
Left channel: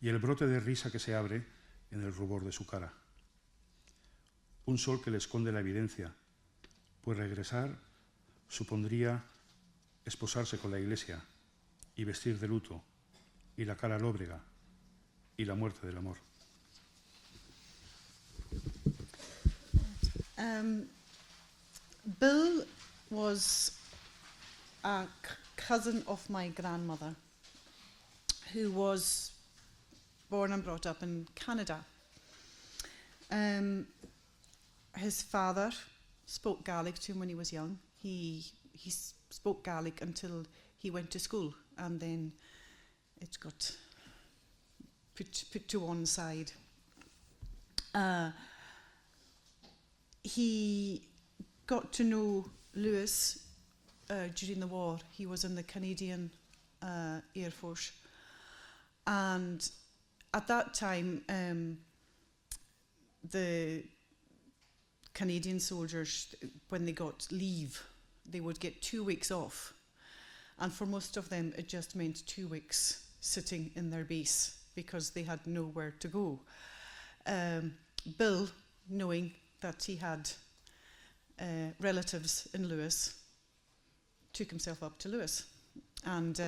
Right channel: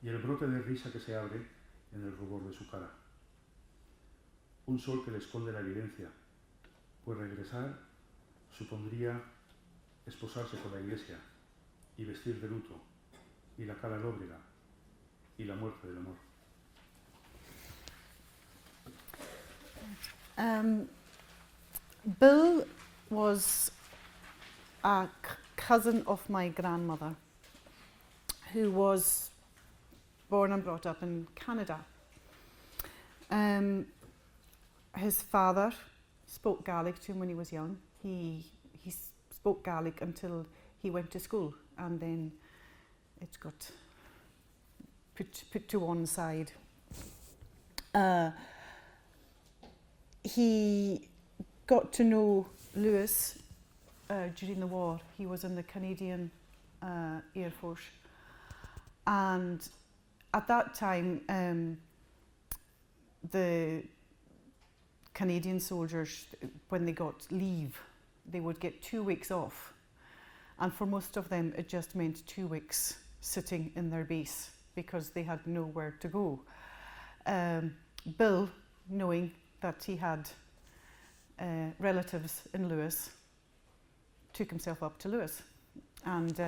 y el brote de risa que se abre en el rubor de su cara. Un sol que le esconde la evidencia, pues regresar supondría esposarse con la iglesia y vestir de luto, y la cara lóbrega, y la muerte del amor. Bill was a cousin of my grandmother, who was born and brought up in Canada. His father spoke Gaelic to him when he was young. He spoke Gaelic until he went to school, and then it got put to one side. He got to know Lewis during the war. He was in the Canadian Air Force, and at that time the Canadian soldiers, when they got leave, they would get 2 weeks off, and for most of them it just meant 2 weeks sitting in their base because they had nowhere to go. Bill, knowing that he had relatives in Lewis, took himself up to Lewis and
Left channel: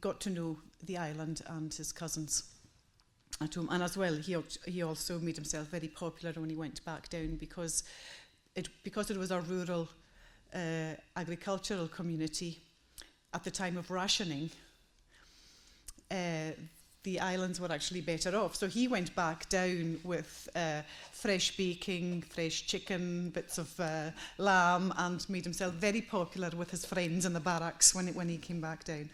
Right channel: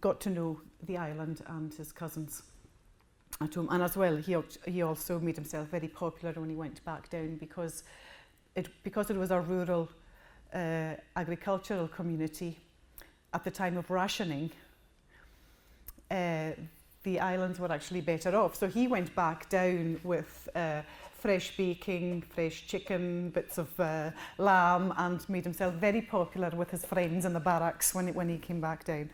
got to know the island and his cousins at home. And as well, he also made himself very popular when he went back down because it was a rural agricultural community. At the time of rationing, the islands were actually better off. So he went back down with fresh baking, fresh chicken, bits of lamb, and made himself very popular with his friends in the barracks when he came back down.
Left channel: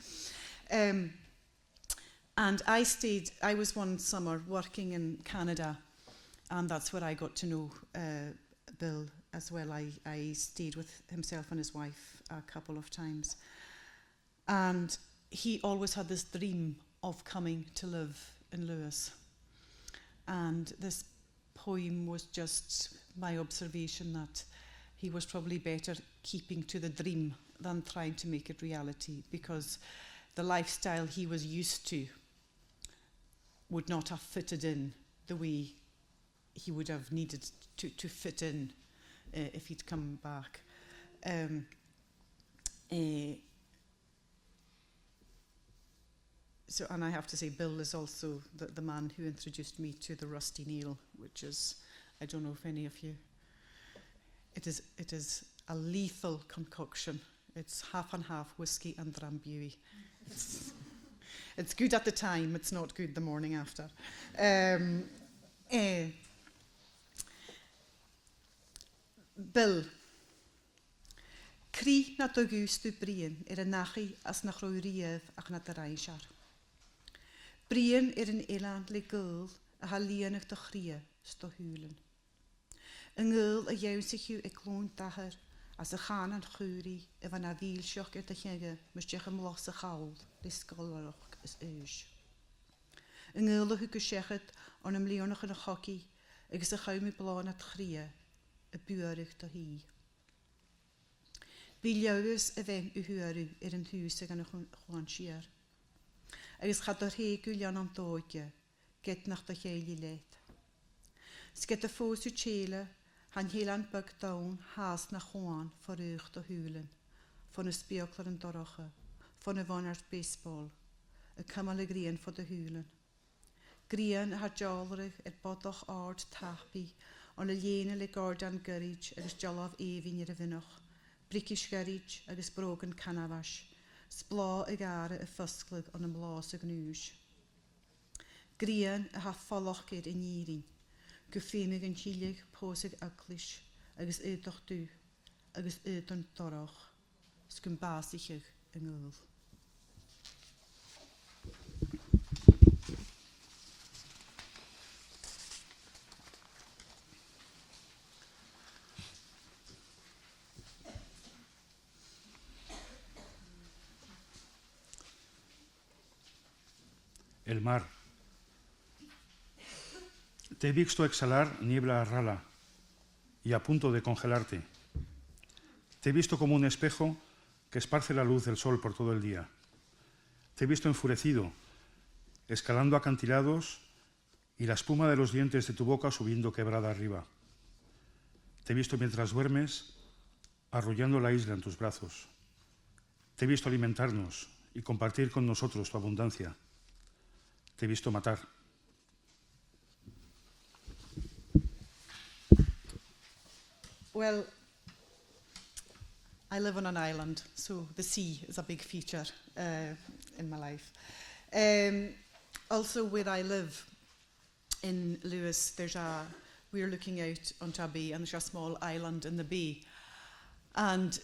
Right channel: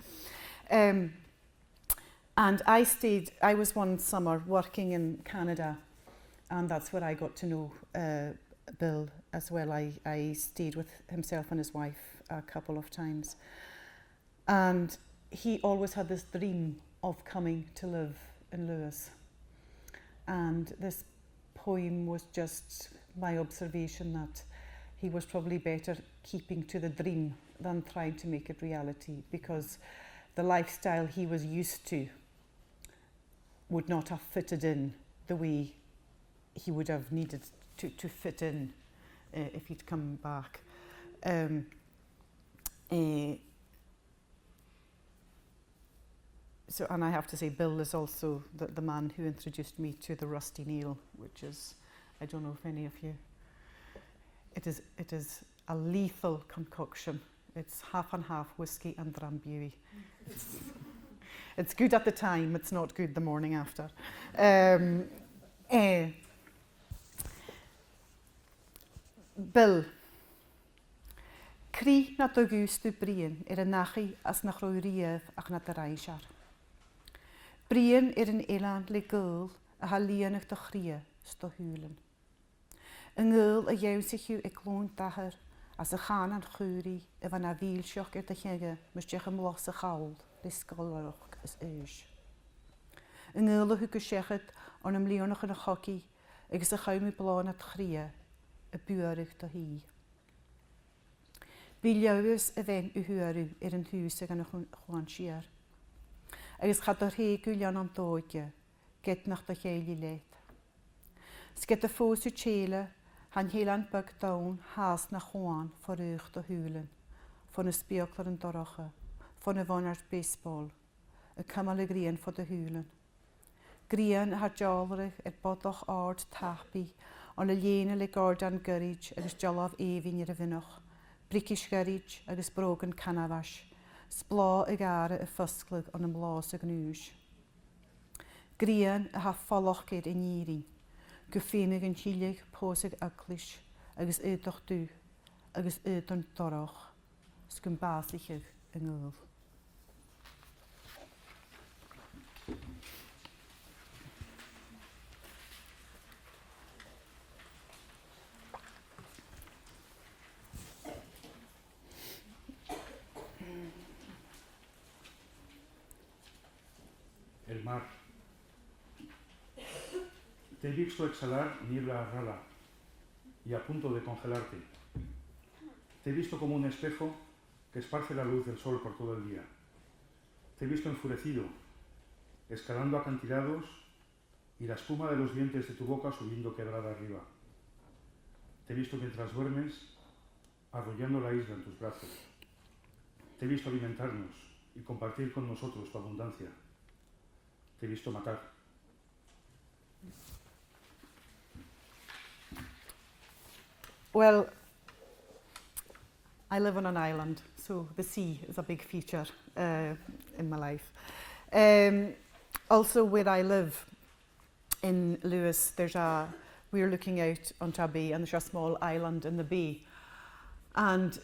And I was one summer working in Canada, and that's where I got to know Bill as well. I stayed with himself and his wife a couple of times. And he always had this dream of coming to live in Lewis. And this poem was just my observation that he was probably better keeping to the dream than trying to make it reality, because the lifestyle he was used to would not have fitted in the way he would have needed to fit in if he'd come back. So, and I have to say, Bill is also the man who introduced me to the rusty nail, which is, I don't know if any of you, it is a lethal concoction. It's half and half whiskey and drambuie. It's good at the time, it's not good the morning after. Bill. Cri na dogustu brian y nachi as na chrwyrief ac na daraisiar. Brian yn elan le gwyl a halian eich dochria sto hwlen. Yng ngwyl y iawn sich yw e glôn daher as y chan an chwri y fan a ddil sioch gyda chege mysdiach ymlos y chawl lisgolwch as ys. Yng ngwyl y hwg y siechyd on ymleonach yn y chogi agos y chawm y blon at chria y bwyrych do hi. Bi liawys y fen y hwyrw yn hwys ag yn y chwan siar. Agos chad o'r hei gwylion am dodge, get nach da cheili leid. Sget y ffos yw chele, han heilan byg dawn has na chwan for uch do hwlen, for y spioglar yn dorocha, for y fonart baseball, y cymal y grian for dy hwlen. Grian ha jalrig bodoch ard tapi, on y lien y gordan gyrrig agos jalof efin i'r fynoch, bricish gyrrig agos brogan canafash, sbla y gara y ffysglyg on ymlos y gnwys. Grian y ha ffoloch gyr y nirin, gyffenig yn hilig posig aglis, agos ydoch dw, agos ydon doroch, sgyn baslichig yng ngwyl. El mar Te he visto exhalar niebla rala y a punto de congelarte. Te he visto como un espejo que esparce la luz del sol por todo el día. Te he visto enfurecido, escalando acantilados y la espuma de los dientes de tu boca subiendo quebrada arriba. Te he visto mientras duermes, arrullando la isla en tus brazos. Te he visto alimentarnos y compartir con nosotros tu abundancia. Te he visto matar. Well, I live on an island, so the sea is a big feature in my life. Also, where I live in Lewis, we're looking out onto a bay, and there's a small island in the bay. And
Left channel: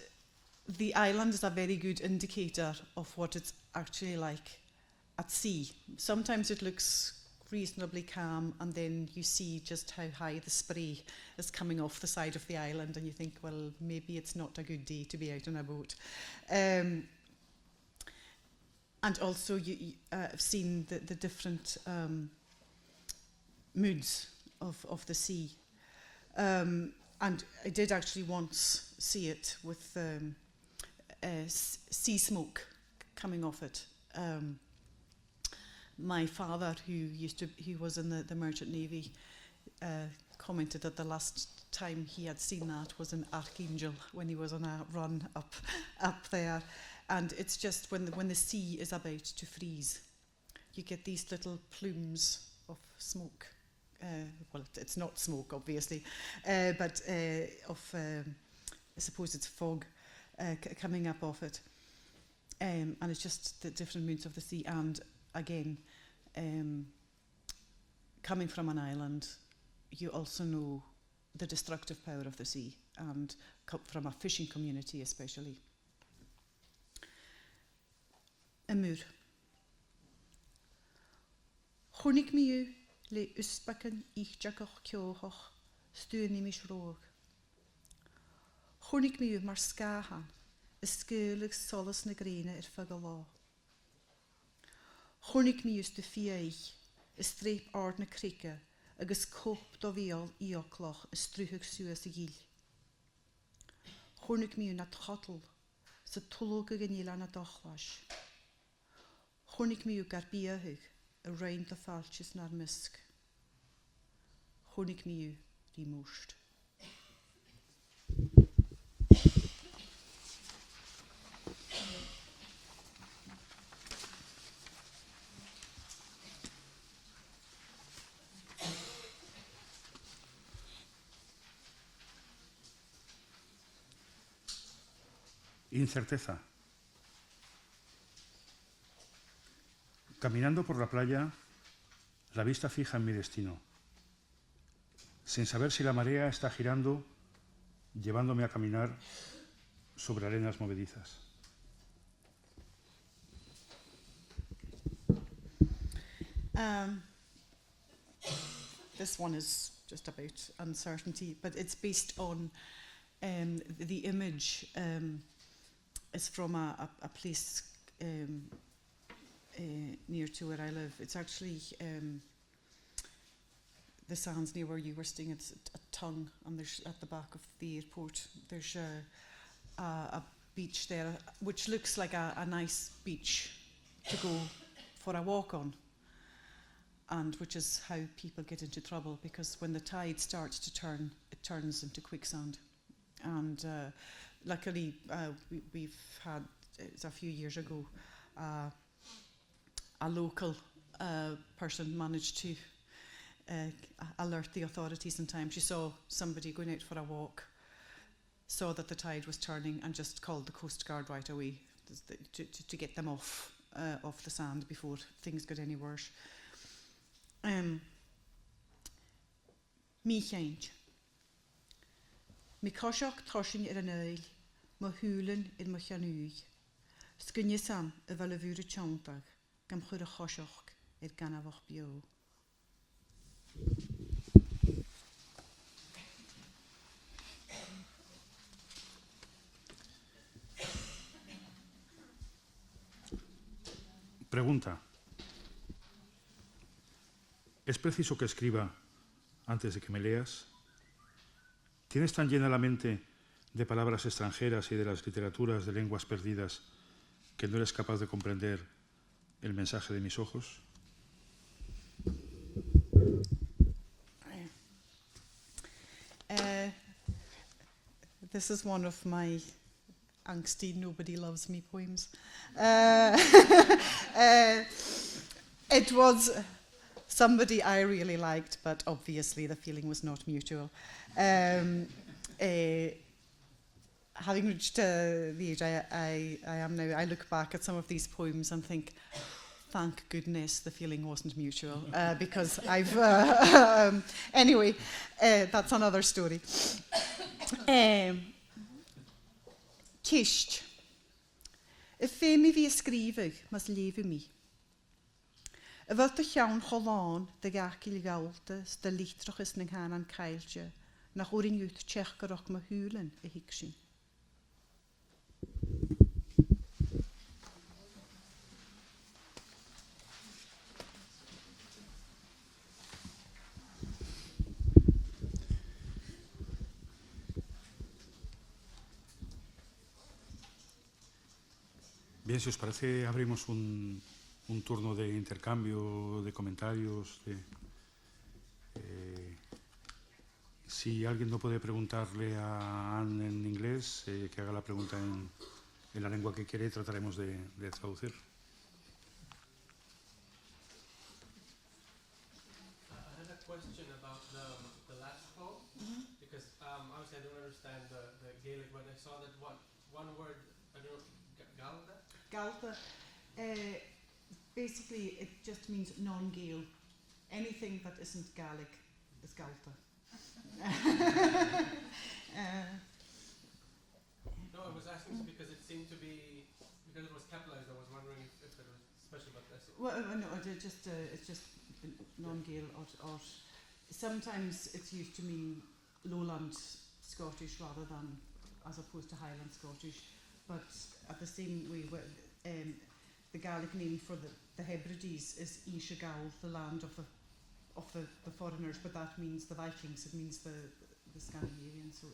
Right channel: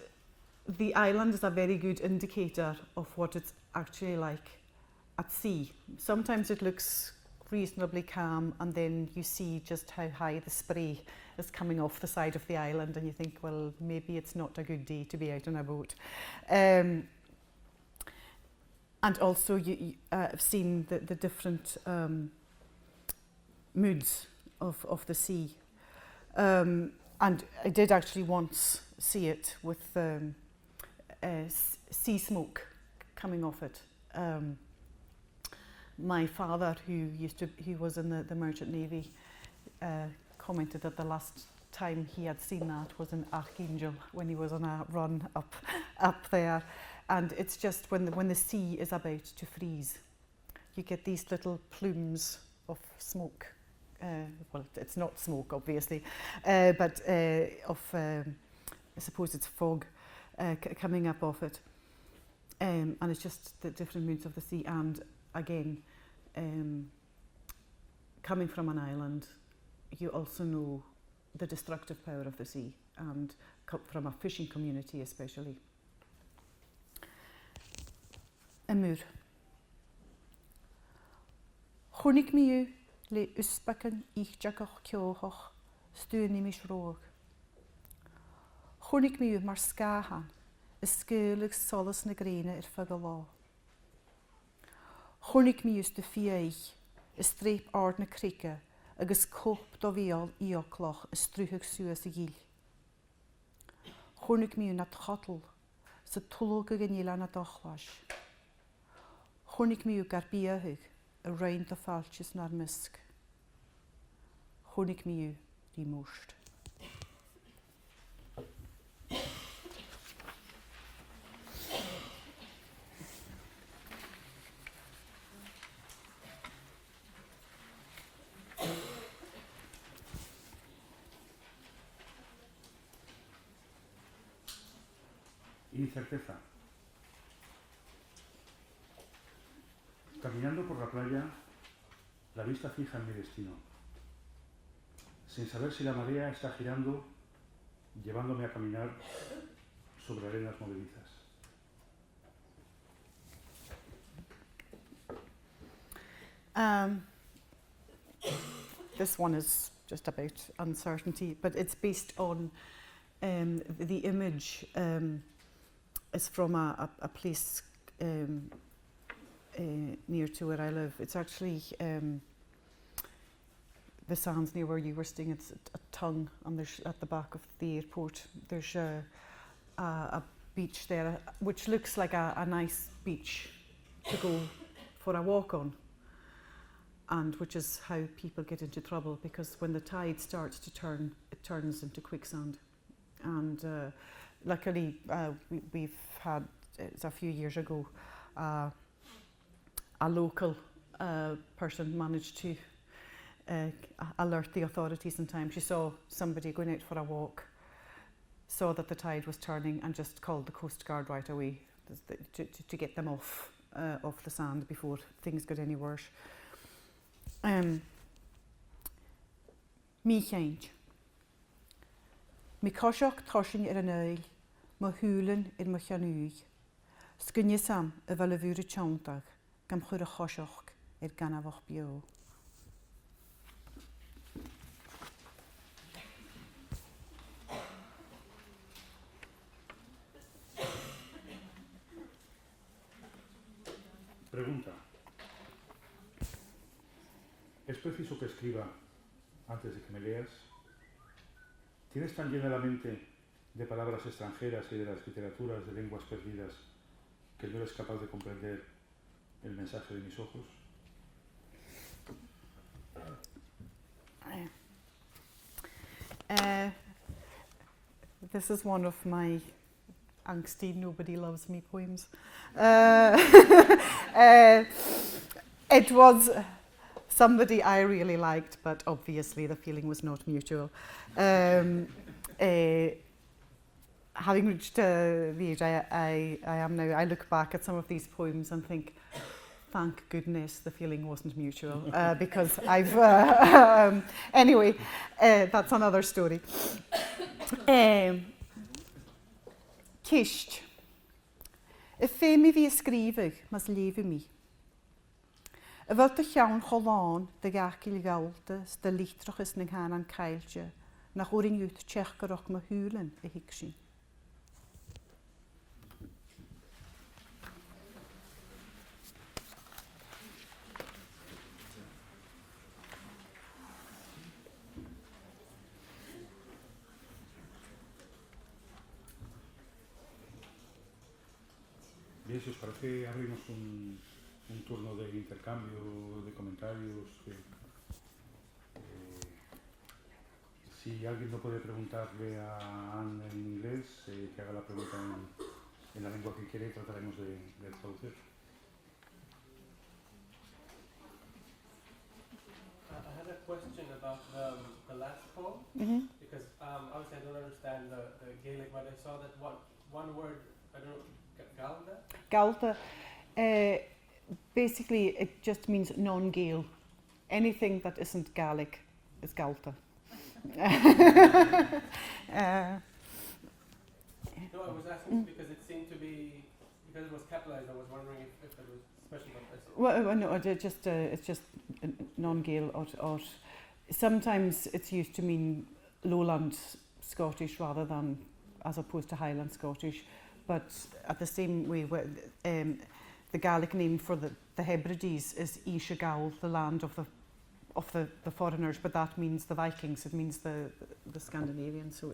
the island is a very good indicator of what it's actually like at sea. Sometimes it looks reasonably calm, and then you see just how high the spray is coming off the side of the island, and you think, well, maybe it's not a good day to be out on a boat. And also I've seen the different moods of the sea. And I did actually once see it with sea smoke coming off it. My father, who was in the Merchant Navy, commented that the last time he had seen that was in Archangel, when he was on a run up there. And it's just when the sea is about to freeze, you get these little plumes of smoke. Well, it's not smoke, obviously, but I suppose it's fog coming up off it. And it's just the different moods of the sea. And again, coming from an island, you also know the destructive power of the sea, and from a fishing community especially. Amur. Chwnig mi yw le ysbacan i'ch jagach ciochach stwn i mis rog. Chwnig mi yw mar sgahan ysgylig solas na greina ffag lá. Chwnig mi yw dy fieich streep ard na crica agus cop do fiol iocloch strúhag suas I gil. Chwnig mi yw na tchotl sa tulog ag anila na dochlais. Chwnig mi yw gar biahig a rein do falchis na'r mysg. Chwnig mi yw di mwst. Incerteza. Caminando por la playa, la vista fija en mi destino, sin saber si la marea está girando, llevándome a caminar sobre arenas movedizas. This one is just about uncertainty, but it's based on the image is from a place near to where I live. It's actually the sands near where you were staying. It's a tongue, and there's at the back of the airport. There's a beach there, which looks like a nice beach to go for a walk on, and which is how people get into trouble, because when the tide starts to turn, it turns into quicksand. And luckily, we've had, it's a few years ago, a local person managed to alert the authorities in time. She saw somebody going out for a walk, saw that the tide was turning, and just called the Coast Guard right away to get them off the sand before things got any worse. Mi chaint. Mi cosiach toshin an oil, ma húlan ma chanúig. Sgynne sam fel y fwyr y tiondag, gam chwyr y chosioch ganafach bio. Pregunta. ¿Es preciso que escriba antes de que me leas, ¿tienes tan llena la mente de palabras extranjeras y de las literaturas de lenguas perdidas que no eres capaz de comprender el mensaje de mis ojos? This is one of my angsty "nobody loves me" poems. It was somebody I really liked, but obviously the feeling was not mutual. Having reached the age I am now, I look back at some of these poems and think, thank goodness the feeling wasn't mutual, because I've... anyway, that's another story. Tist. Y fe mi fi ysgrifau, mas lefi mi. Y fel dy llawn cholon, dy gacil gawldes, dy litroch ys nyng hanan caelge, na chwrin ywth tchechgaroch ma hwlen y higsyn. Bien, si os parece, abrimos un turno de intercambio, de comentarios. Si alguien no puede preguntarle a Anne en inglés, que haga la pregunta en la lengua que quiere y trataremos de traducir. I have a question about the last poem, because obviously I don't understand the Gaelic, but I saw that one word, I don't know, Galda? Galta, basically it just means non-Gael. Anything that isn't Gaelic is Galta. No, I was asking because it seemed to be, because it was capitalized, I was wondering if it was special, but Well, no, it's just non-Gael or sometimes it's used to mean Lowland Scottish rather than as opposed to Highland Scottish. But at the same way, the Gaelic name for the Hèbrides is Isha Gael, the land of the foreigners, but that means the Vikings. It means the Scandinavians. So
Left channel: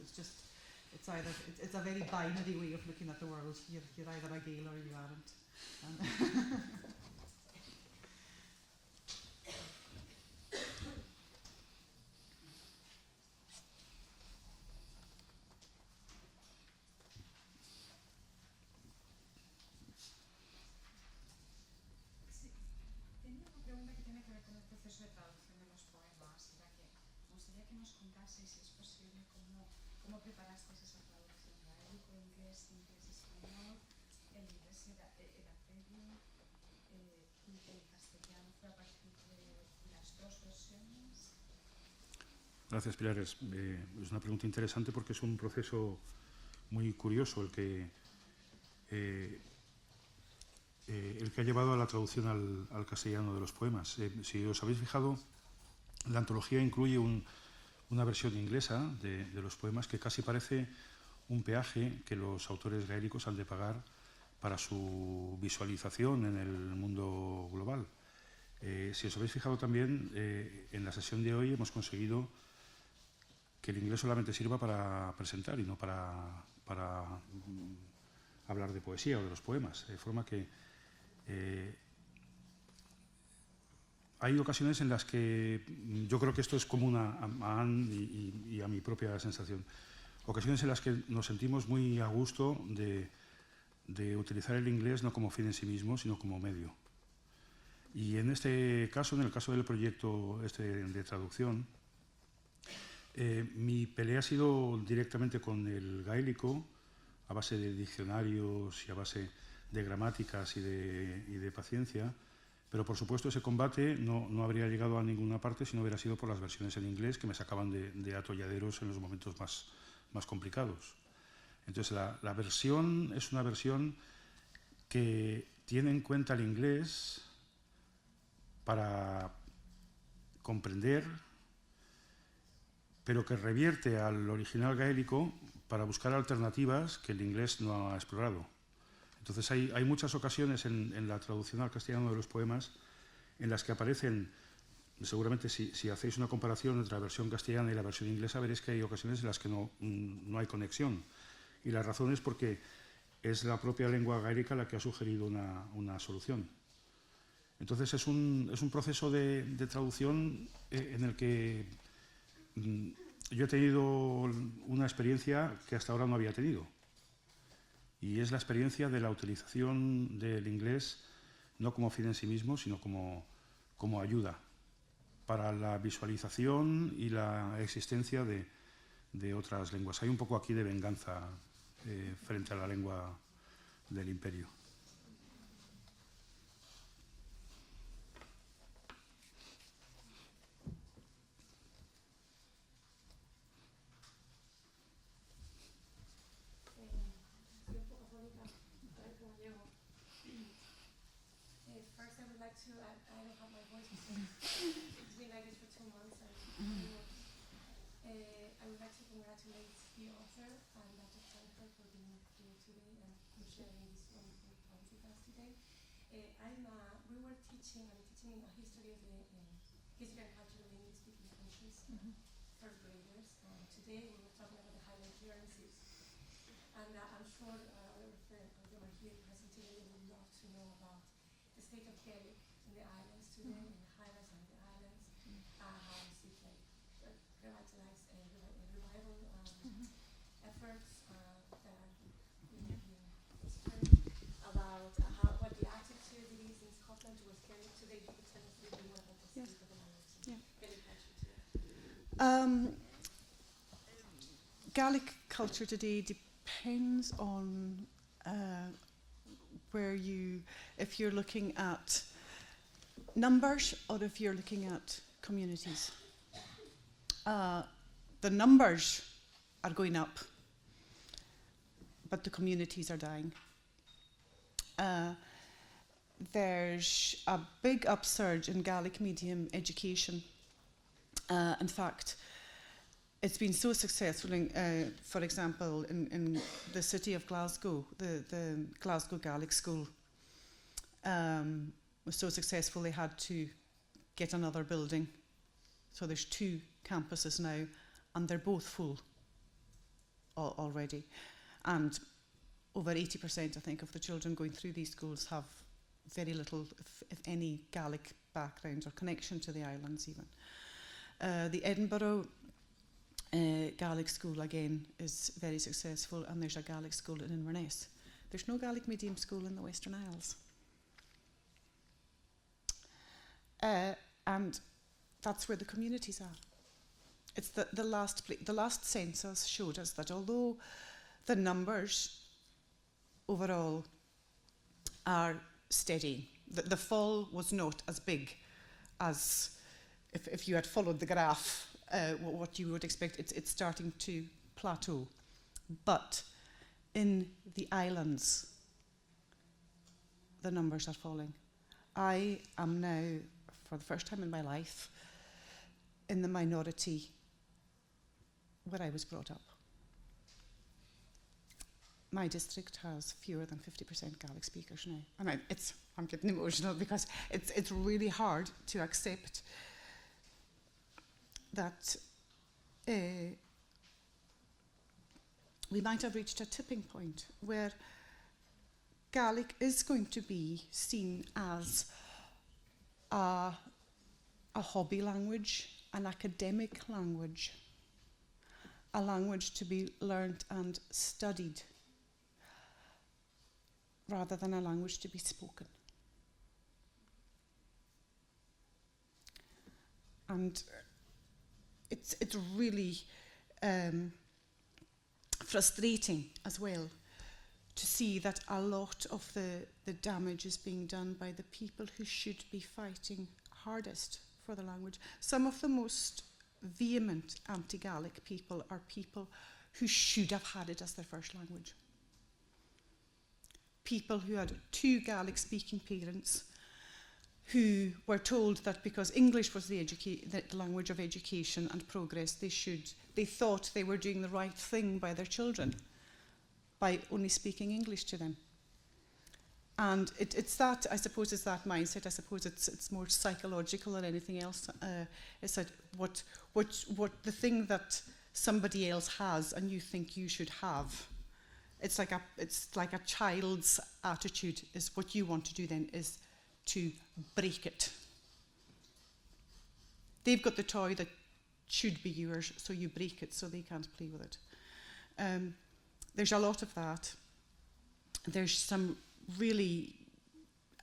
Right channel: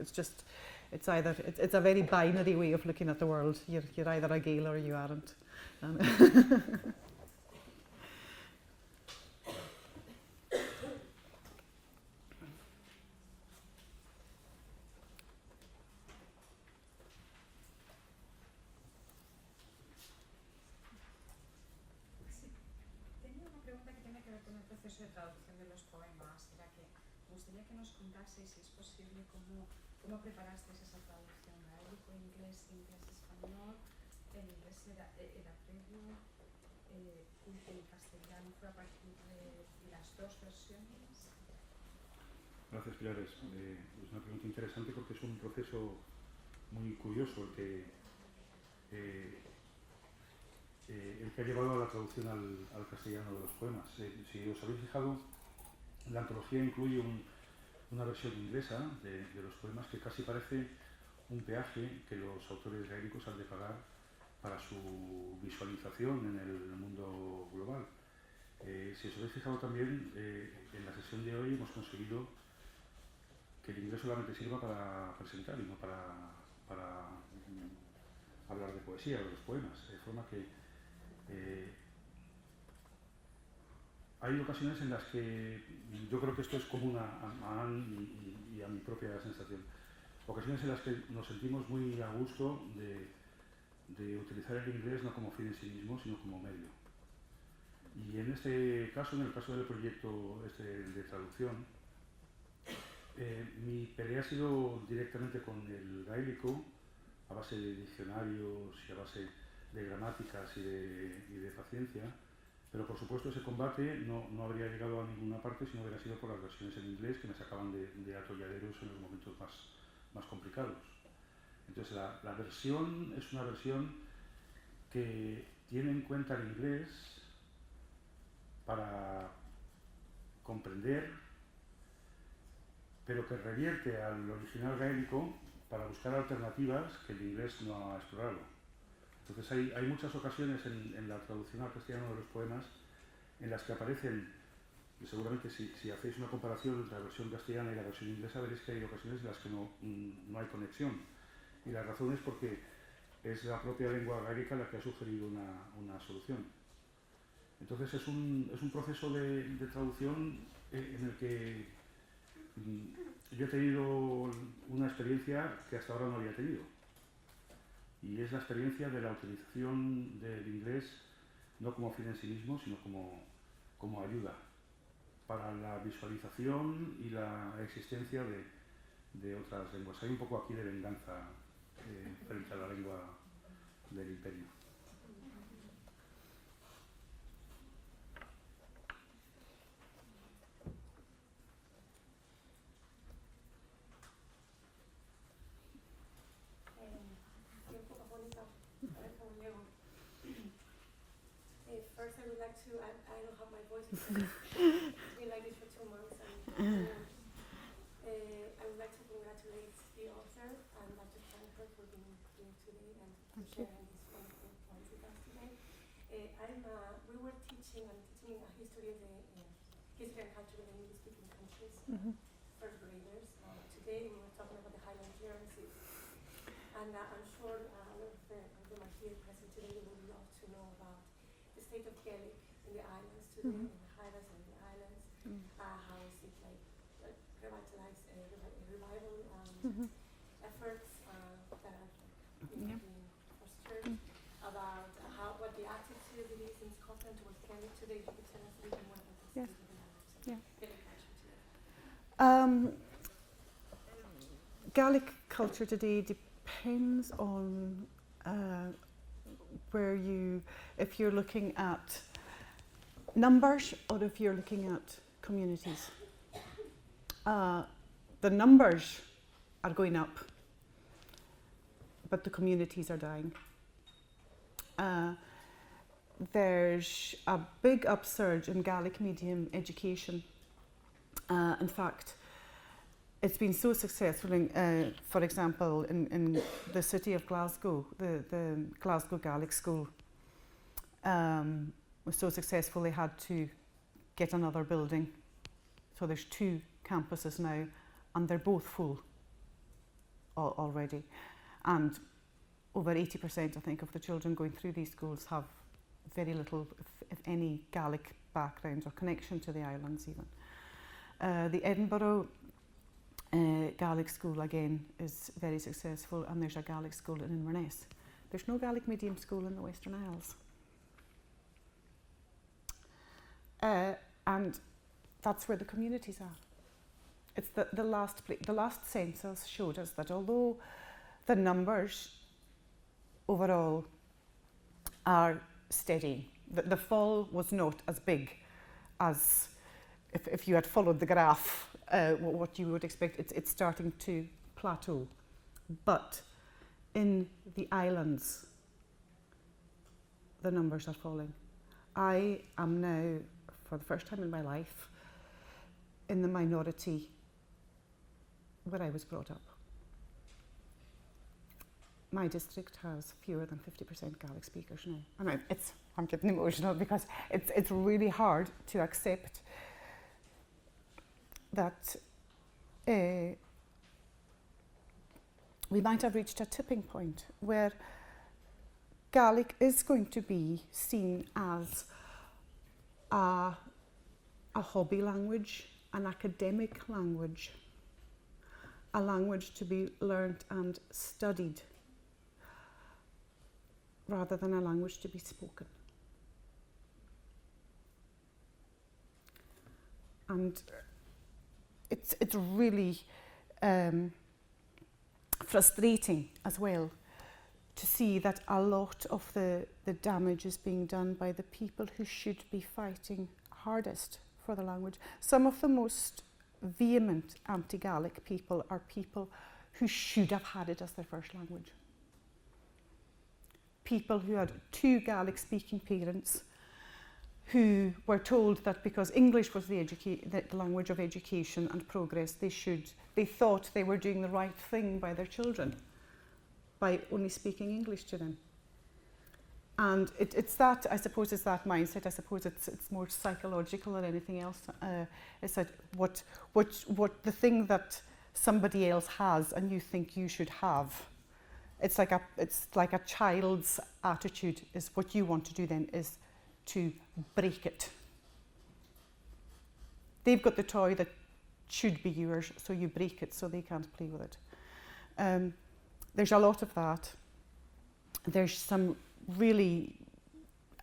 it's a very binary way of looking at the world. You're either a Gael or you aren't. De traducción de los poemas, era que me gustaría que nos contaseis, si es posible, cómo preparasteis esa traducción gaélico, inglés, español, el inglés era previo, el castellano fue a partir de las dos versiones. Gracias, Pilares. Es una pregunta interesante porque es un proceso muy curioso el que ha llevado a la traducción al castellano de los poemas. Si os habéis fijado, la antología incluye una versión inglesa de los poemas que casi parece un peaje que los autores gaélicos han de pagar para su visualización en el mundo global. Si os habéis fijado también, en la sesión de hoy hemos conseguido que el inglés solamente sirva para presentar y no para hablar de poesía o de los poemas, de forma que hay ocasiones en las que yo creo que esto es común a Anne y a mi propia sensación. Ocasiones en las que nos sentimos muy a gusto de utilizar el inglés no como fin en sí mismo, sino como medio. Y en este caso, en el caso del proyecto de traducción, mi pelea ha sido directamente con el gaélico, a base de diccionarios y a base de gramáticas y de paciencia, pero por supuesto ese combate no habría llegado a ninguna parte si no hubiera sido por las versiones en inglés que me sacaban de atolladeros en los momentos más complicados. Entonces la versión es una versión que tiene en cuenta el inglés para comprender, pero que revierte al original gaélico para buscar alternativas que el inglés no ha explorado. Entonces hay muchas ocasiones en la traducción al castellano de los poemas en las que aparecen seguramente si hacéis una comparación entre la versión castellana y la versión inglesa, veréis que hay ocasiones en las que no hay conexión. Y la razón es porque es la propia lengua gaélica la que ha sugerido una solución. Entonces es un proceso de traducción en el que yo he tenido una experiencia que hasta ahora no había tenido. Y es la experiencia de la utilización del inglés no como fin en sí mismo, sino como ayuda para la visualización y la existencia de otras lenguas. Hay un poco aquí de venganza frente a la lengua del imperio. First, I would like to, I don't have my voice because it's been like this for 2 months, and I would like to congratulate the author and Dr. Frater for being here today and for sharing this wonderful poems with us today. We were teaching a history of the history and culture of the English-speaking countries, first graders. Today we were talking about the Highland clearances, and I'm sure all of them are here present today. They would love to know about the state of Gaelic in the islands today, in the Highlands and the islands, how is it like revitalized, revival efforts that are being fostered, about what the attitude it is in Scotland towards Gaelic today. If you could tell us a little bit more about the state of the islands and Gaelic culture today. Gaelic culture today depends on where if you're looking at numbers or if you're looking at communities. The numbers are going up, but the communities are dying. There's a big upsurge in Gaelic medium education. In fact, it's been so successful, for example, in the city of Glasgow, the Glasgow Gaelic School was so successful they had to get another building. So there's 2 campuses now, and they're both full already. And over 80%, I think, of the children going through these schools have very little, if any, Gaelic background or connection to the islands even. The Edinburgh Gaelic school, again, is very successful, and there's a Gaelic school in Inverness. There's no Gaelic medium school in the Western Isles. And that's where the communities are. It's the last census showed us that although the numbers overall are steady, the fall was not as big as if you had followed the graph, what you would expect. It's starting to plateau. But in the islands, the numbers are falling. I am now, for the first time in my life, in the minority where I was brought up. My district has fewer than 50% Gaelic speakers now. And I'm getting emotional because it's really hard to accept that we might have reached a tipping point where Gaelic is going to be seen as a hobby language, an academic language, a language to be learnt and studied, rather than a language to be spoken. And it's really frustrating as well to see that a lot of the damage is being done by the people who should be fighting hardest for the language. Some of the most vehement anti-Gaelic people are people who should have had it as their first language. People who had 2 Gaelic-speaking parents who were told that because English was the language of education and progress, they thought they were doing the right thing by their children by only speaking English to them. And it's that, I suppose, it's that mindset. I suppose it's more psychological than anything else. It's like what the thing that somebody else has and you think you should have. It's like a child's attitude. Is what you want to do then is to break it. They've got the toy that should be yours, so you break it so they can't play with it. There's a lot of that. There's some really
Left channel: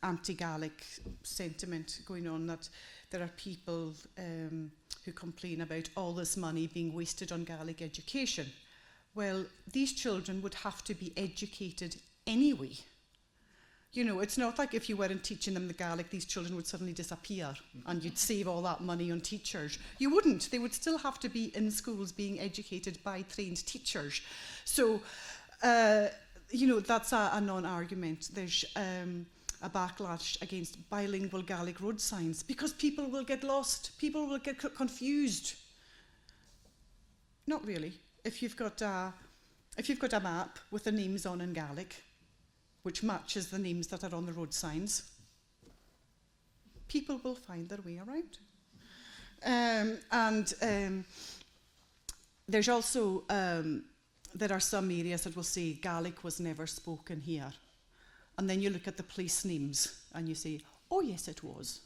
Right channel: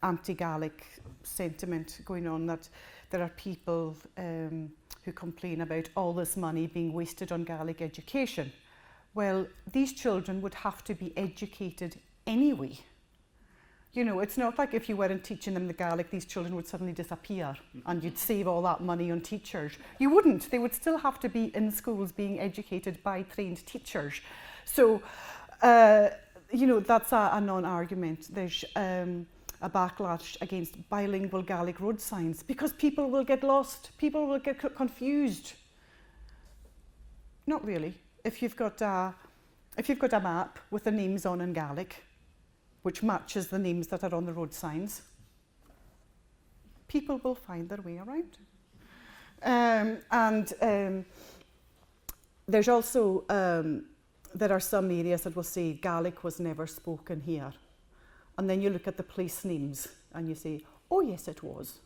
anti-Gaelic sentiment going on, that there are people who complain about all this money being wasted on Gaelic education. Well, these children would have to be educated anyway. You know, it's not like if you weren't teaching them the Gaelic, these children would suddenly disappear and you'd save all that money on teachers. You wouldn't. They would still have to be in schools being educated by trained teachers. So, you know, that's a non-argument. There's a backlash against bilingual Gaelic road signs because people will get lost, people will get confused. Not really. If you've got a map with the names on in Gaelic, which matches the names that are on the road signs, people will find their way around. There's also there are some areas that will say Gaelic was never spoken here. And then you look at the place names and you say, oh yes, it was.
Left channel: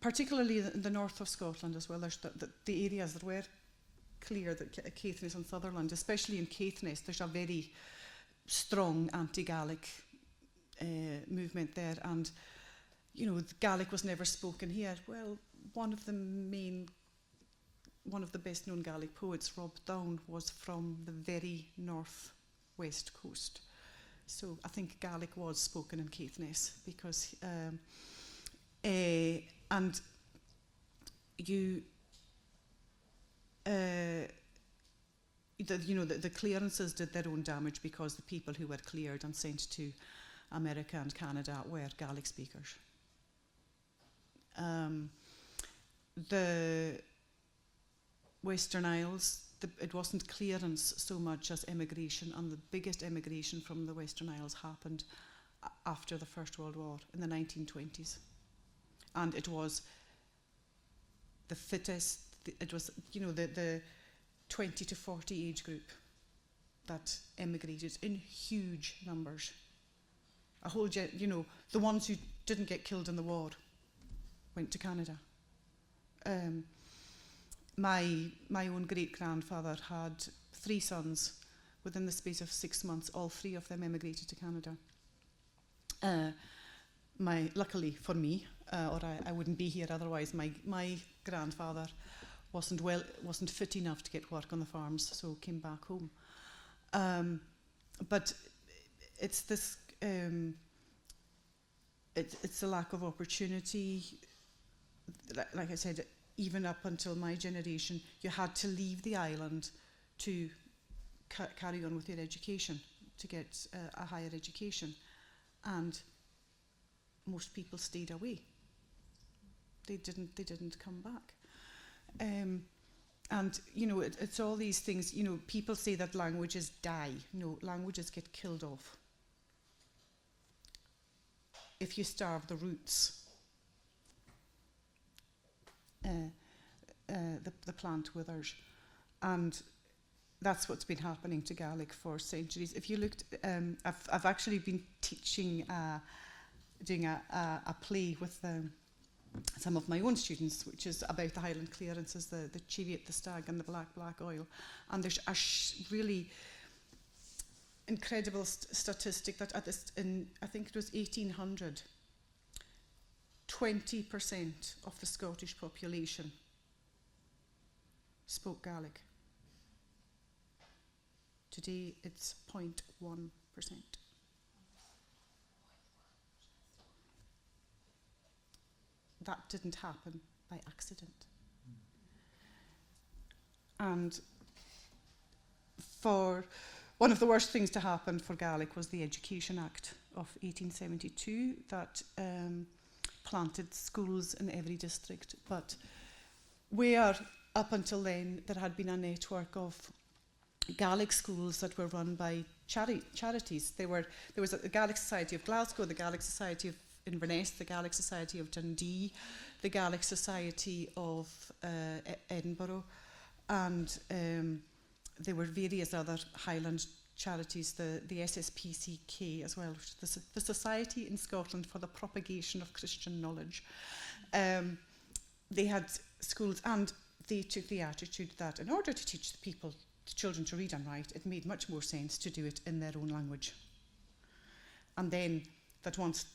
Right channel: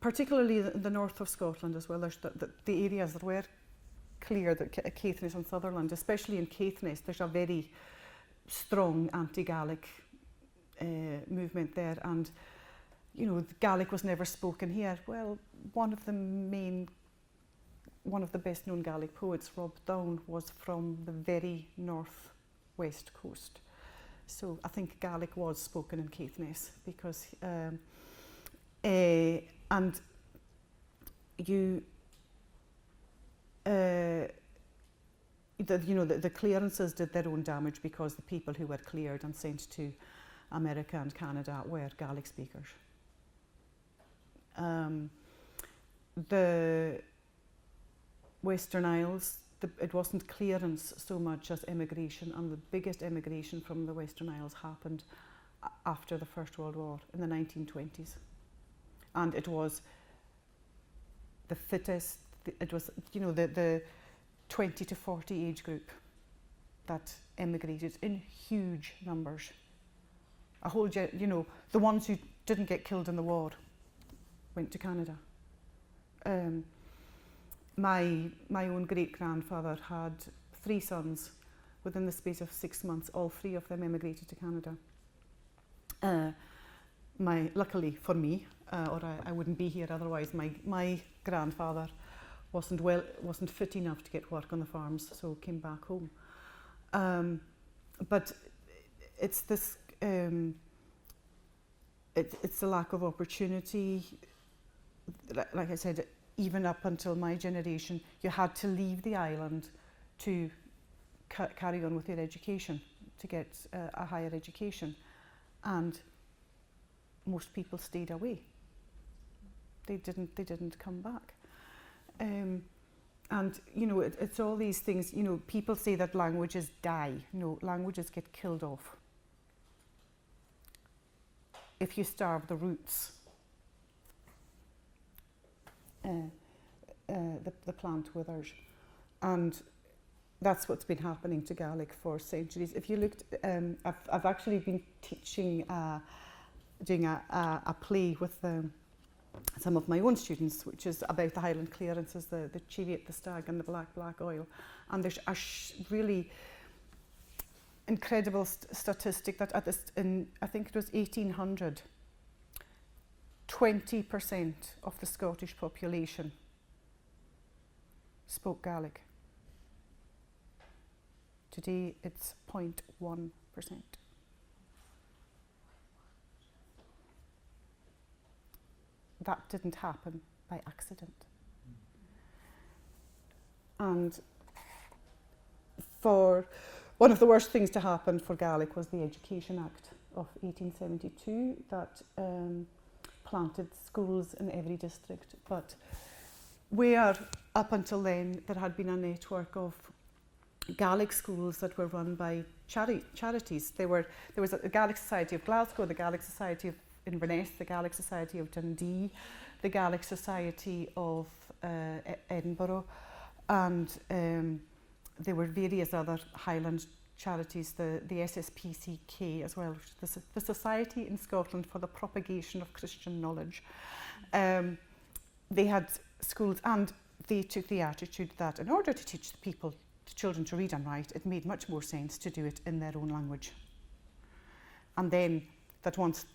Particularly in the north of Scotland as well, there's the areas that were clear, that Caithness and Sutherland, especially in Caithness, there's a very strong anti-Gaelic movement there. And, you know, Gaelic was never spoken here. Well, one of the best known Gaelic poets, Rob Down, was from the very north west coast. So I think Gaelic was spoken in Caithness because and you the clearances did their own damage because the people who were cleared and sent to America and Canada were Gaelic speakers. The Western Isles, it wasn't clearance so much as emigration, and the biggest emigration from the Western Isles happened after the First World War in the 1920s. And it was the fittest, it was, you know, the 20 to 40 age group that emigrated in huge numbers. A whole, you know, the ones who didn't get killed in the war went to Canada. My own great-grandfather had 3 sons. Within the space of 6 months, all 3 of them emigrated to Canada. Luckily for me, or I wouldn't be here otherwise, my grandfather wasn't fit enough to get work on the farms, so came back home. But it's this, it's the lack of opportunity. Like I said, even up until my generation, you had to leave the island to carry on with your education, to get a higher education. And most people stayed away. They didn't come back. And, you know, it's all these things, you know, people say that languages die. No, languages get killed off. If you starve the roots, the plant withers. And that's what's been happening to Gaelic for centuries. If you looked, I've actually been teaching, doing a play with some of my own students, which is about the Highland clearances, the chariot, the stag and the black oil. And there's a really incredible statistic that I think it was 1800, 20% of the Scottish population spoke Gaelic. Today it's 0.1%. That didn't happen by accident. And one of the worst things to happen for Gaelic was the Education Act of 1872 that planted schools in every district. But where up until then there had been a network of Gaelic schools that were run by charities. There was a Gaelic Society of Glasgow, the Gaelic Society of Inverness, the Gaelic Society of Dundee, the Gaelic Society of Edinburgh, and there were various other Highland charities, the SSPCK as well, the Society in Scotland for the Propagation of Christian Knowledge. They had schools, and they took the attitude that in order to teach the children to read and write, it made much more sense to do it in their own language. And then that once,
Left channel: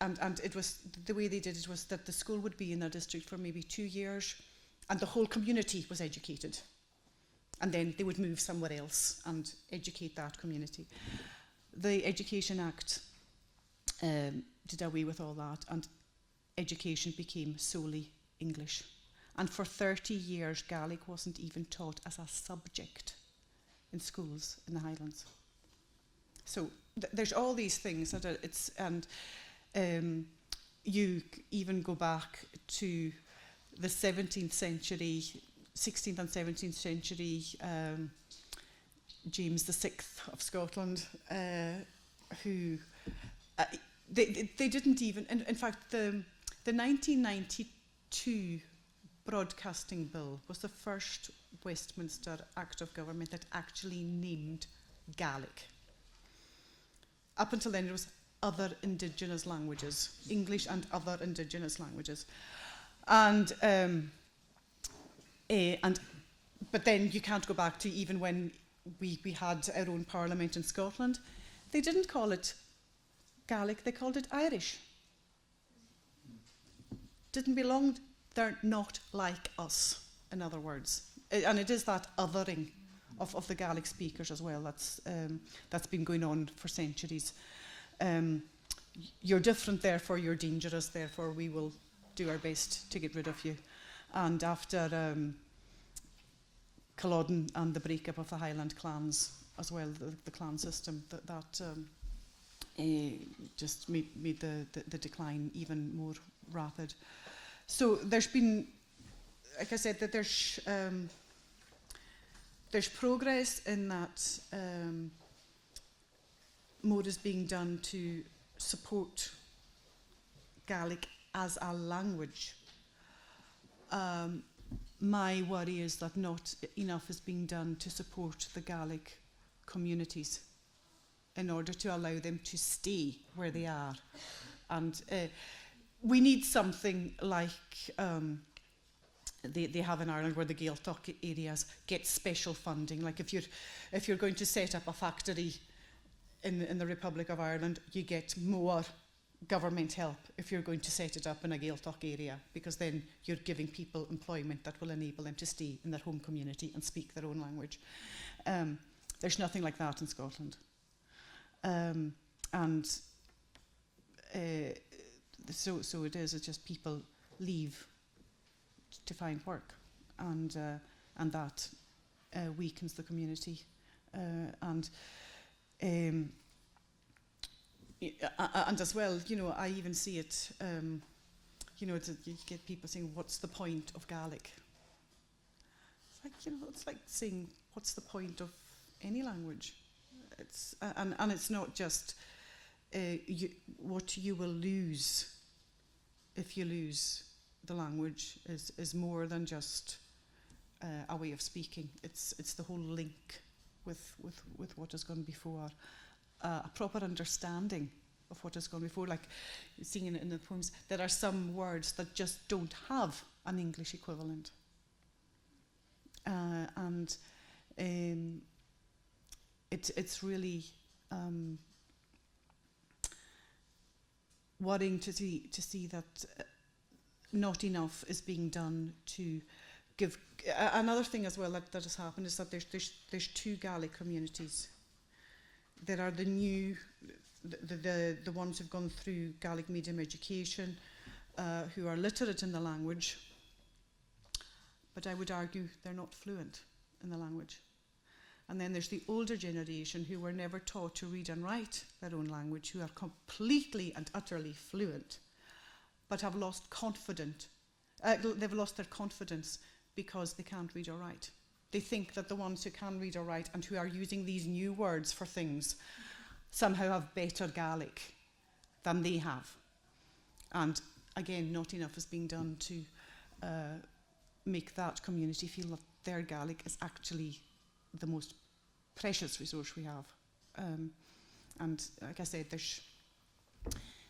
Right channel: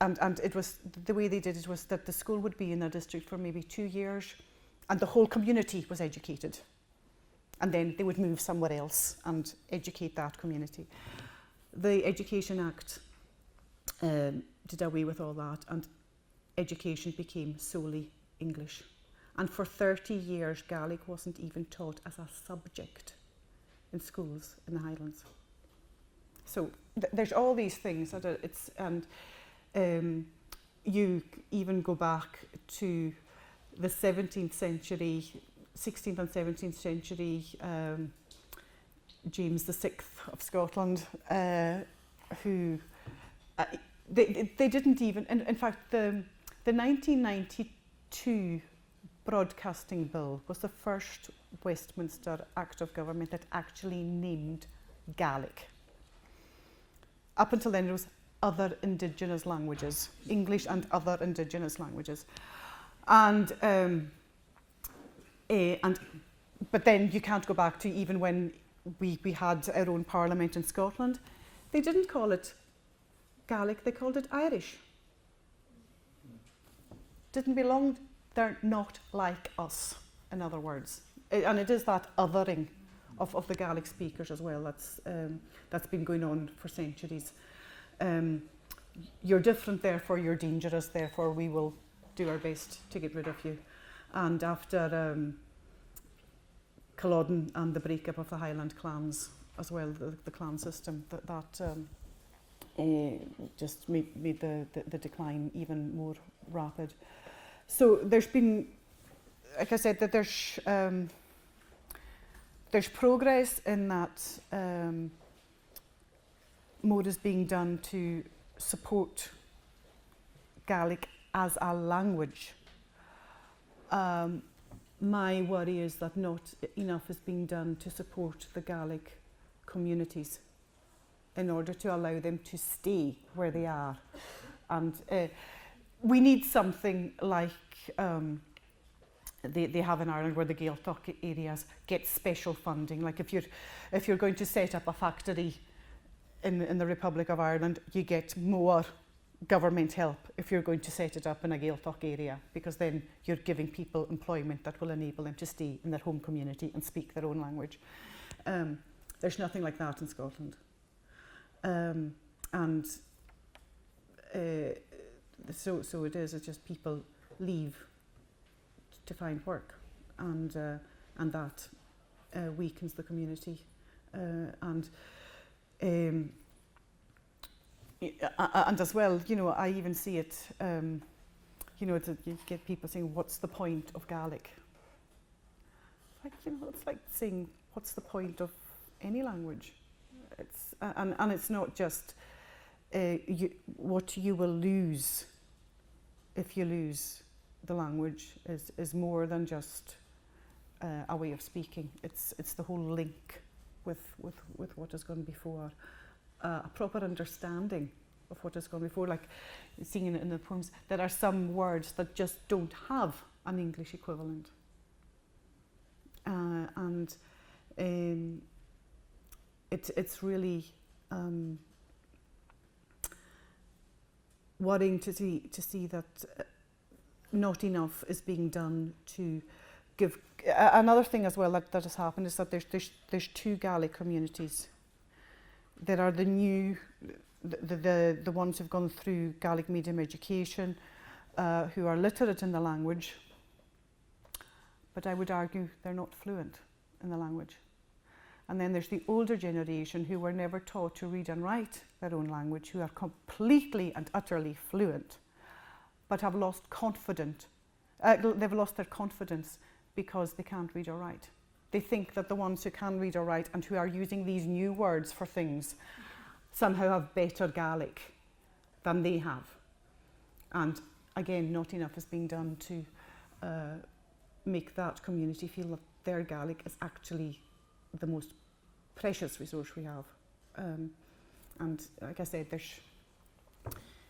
and it was, the way they did it was that the school would be in their district for maybe 2 years, and the whole community was educated. And then they would move somewhere else and educate that community. The Education Act did away with all that, and education became solely English. And for 30 years, Gaelic wasn't even taught as a subject in schools in the Highlands. So there's all these things that it's, and you even go back to the 17th century, 16th and 17th century, James VI of Scotland, who they didn't even, in fact, the 1992 Broadcasting Bill was the first Westminster Act of Government that actually named Gaelic. Up until then, there was other indigenous languages, English and other indigenous languages, but then you can't go back to even when we had our own parliament in Scotland. They didn't call it Gaelic; they called it Irish. Didn't belong. They're not like us, in other words. And it is that othering of the Gaelic speakers as well that's been going on for centuries. You're different, therefore you're dangerous, therefore we will do our best to get rid of you. And after Culloden and the breakup of the Highland clans as well, the clan system, that just made the decline even more rapid. So there's been, like I said, that there's progress in that more is being done to support Gaelic as a language. My worry is that not enough is being done to support the Gaelic communities in order to allow them to stay where they are. And we need something like they have in Ireland, where the Gaeltacht areas get special funding. Like if you're going to set up a factory in the Republic of Ireland, you get more government help if you're going to set it up in a Gaeltacht area, because then you're giving people employment that will enable them to stay in their home community and speak their own language. There's nothing like that in Scotland. So it is. It's just people leave to find work, and that weakens the community, and as well, I even see it. You get people saying, "What's the point of Gaelic?" It's like, it's like saying, "What's the point of any language?" It's and it's not just what you will lose if you lose the language is more than just a way of speaking. It's the whole link with what has gone before, a proper understanding of what has gone before. Like seeing in the poems, there are some words that just don't have an English equivalent, and it's really worrying to see that not enough is being done to give. Another thing as well that has happened is that there's two Gaelic communities. There are the new, the ones who've gone through Gaelic medium education, who are literate in the language, but I would argue they're not fluent in the language. And then there's the older generation who were never taught to read and write their own language, who are completely and utterly fluent, but have lost confidence. They've lost their confidence because they can't read or write. they think that the ones who can read or write and who are using these new words for things somehow have better Gaelic than they have. And again, not enough is being done to make that community feel that their Gaelic is actually the most precious resource we have. And like I said,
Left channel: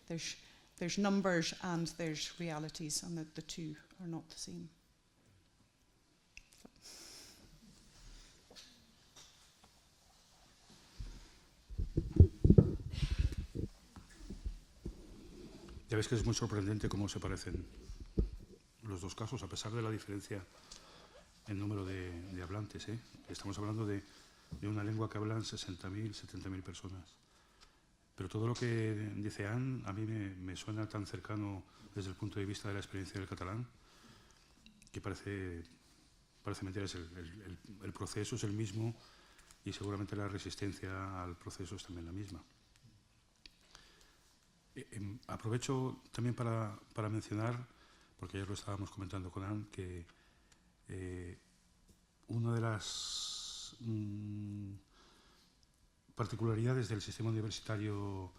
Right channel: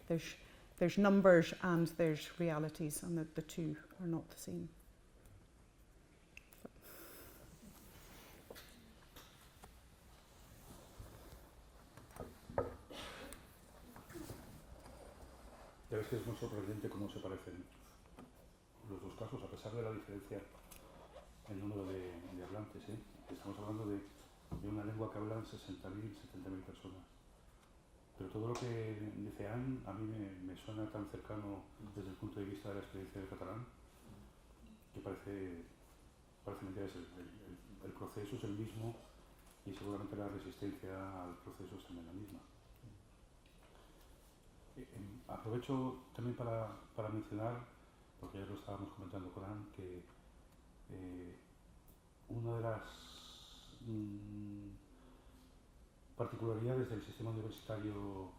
there's numbers and there's realities, and the two are not the same. Ya ves que es muy sorprendente cómo se parecen los dos casos, a pesar de la diferencia en número de hablantes. Estamos hablando de una lengua que hablan 60.000, 70.000 personas. Pero todo lo que dice Anne a mí me suena tan cercano desde el punto de vista de la experiencia del catalán, que parece mentira. El proceso es el mismo y seguramente la resistencia al proceso es también la misma. Aprovecho también para mencionar, porque ya lo estábamos comentando con Anne, que una de las particularidades del sistema universitario